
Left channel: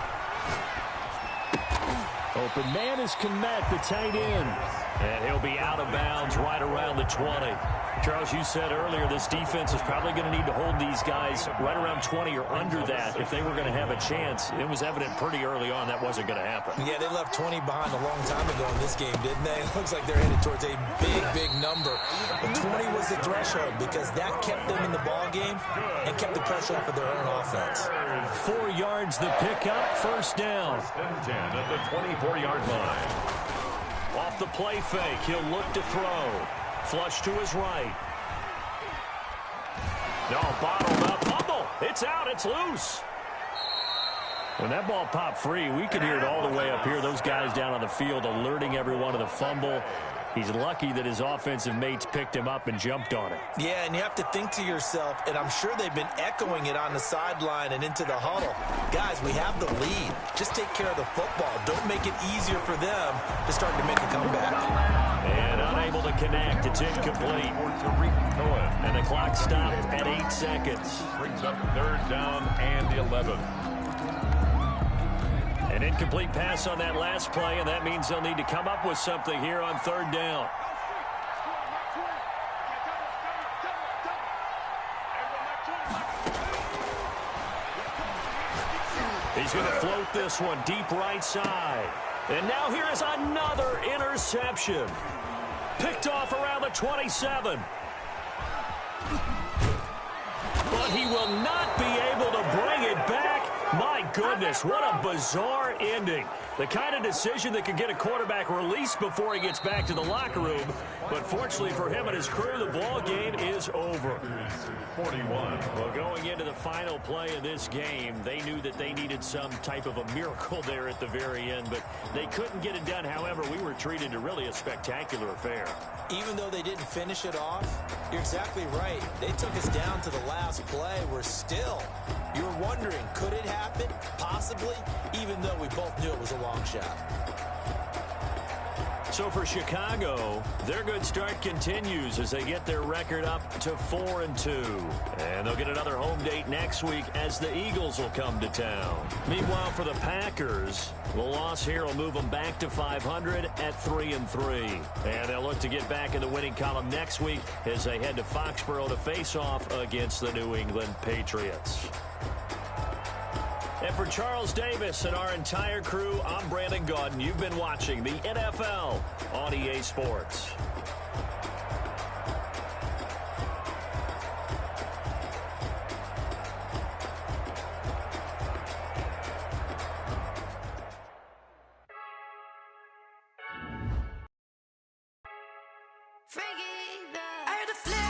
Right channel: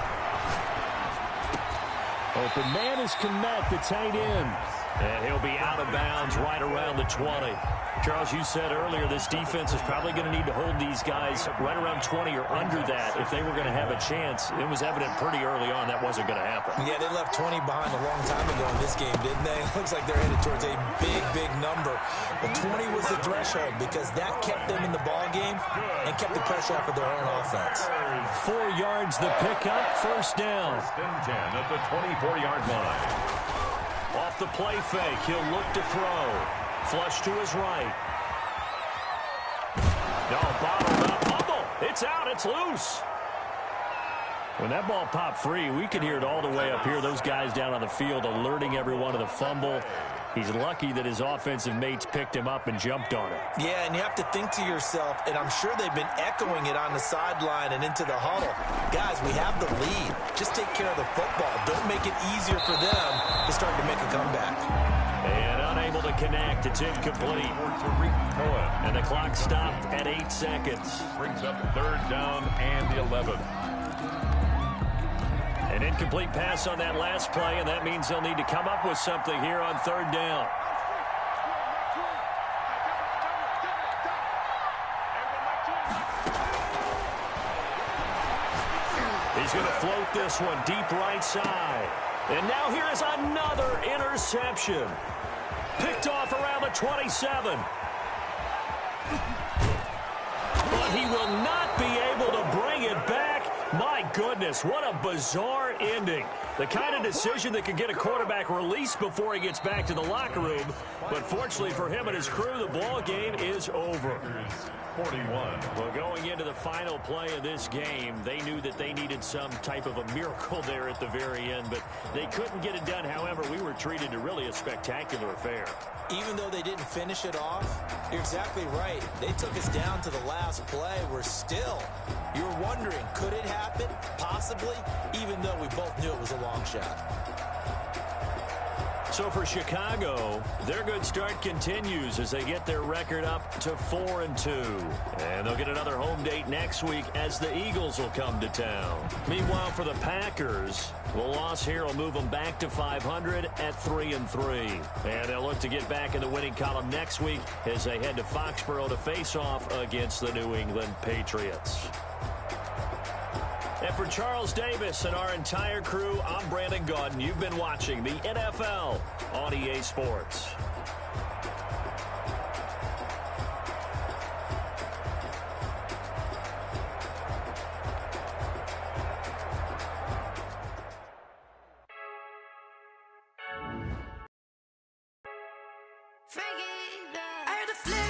Open man is Kmet, the tight end. And he'll be out of bounds right around the 20. Charles, you said earlier this defense is probably going to need to hold these guys right around 20 or under that if they were going to have a chance. It was evident pretty early on that wasn't going to happen. Yeah, they left 20 behind a long time ago in this game, didn't they? It looks like they're headed towards a big, big number. But 20 was the threshold because that kept them in the ball game and kept the pressure off of their own offense. 4 yards the pickup, 1st down. 1st and 10 at the 24-yard line. Off the play fake, he'll look to throw. Flush to his right. No, bottled up. Fumble. It's out. It's loose. When that ball popped free, we could hear it all the way up here. Those guys down on the field alerting everyone of the fumble. He's lucky that his offensive mates picked him up and jumped on it. Yeah, and you have to think to yourself, and I'm sure they've been echoing it on the sideline and into the huddle. Guys, we have the lead. Just take care of the football. Don't make it easier for them to start to make a comeback. And unable to connect. It's incomplete. And the clock stopped at 8 seconds. Brings up 3rd down and 11. An incomplete pass on that last play, and that means they'll need to come up with something here on 3rd down. He's going to float this one deep right side. And now here is another interception. Picked off around the 27. But he will not be able to bring it back. My goodness, what a bizarre ending. The kind of decision that could get a quarterback released before he gets back to the locker room. But fortunately for him and his crew, the ball game is over. 41. Well, going into the final play of this game, they knew that they needed some type of a miracle there at the very end, but they couldn't get it done. However, we were treated to really a spectacular affair. Even though they didn't finish it off, you're exactly right. They took us down to the last play. You were wondering, could it happen? Possibly, even though we both knew it was a long shot. So for Chicago, their good start continues as they get their record up to 4-2. And they'll get another home date next week as the Eagles will come to town. Meanwhile, for the Packers, the loss here will move them back to 500 at 3-3. And they'll look to get back in the winning column next week as they head to Foxborough to face off against the New England Patriots. And for Charles Davis and our entire crew, I'm Brandon Gaudin. You've been watching the NFL on EA Sports. I heard the flip.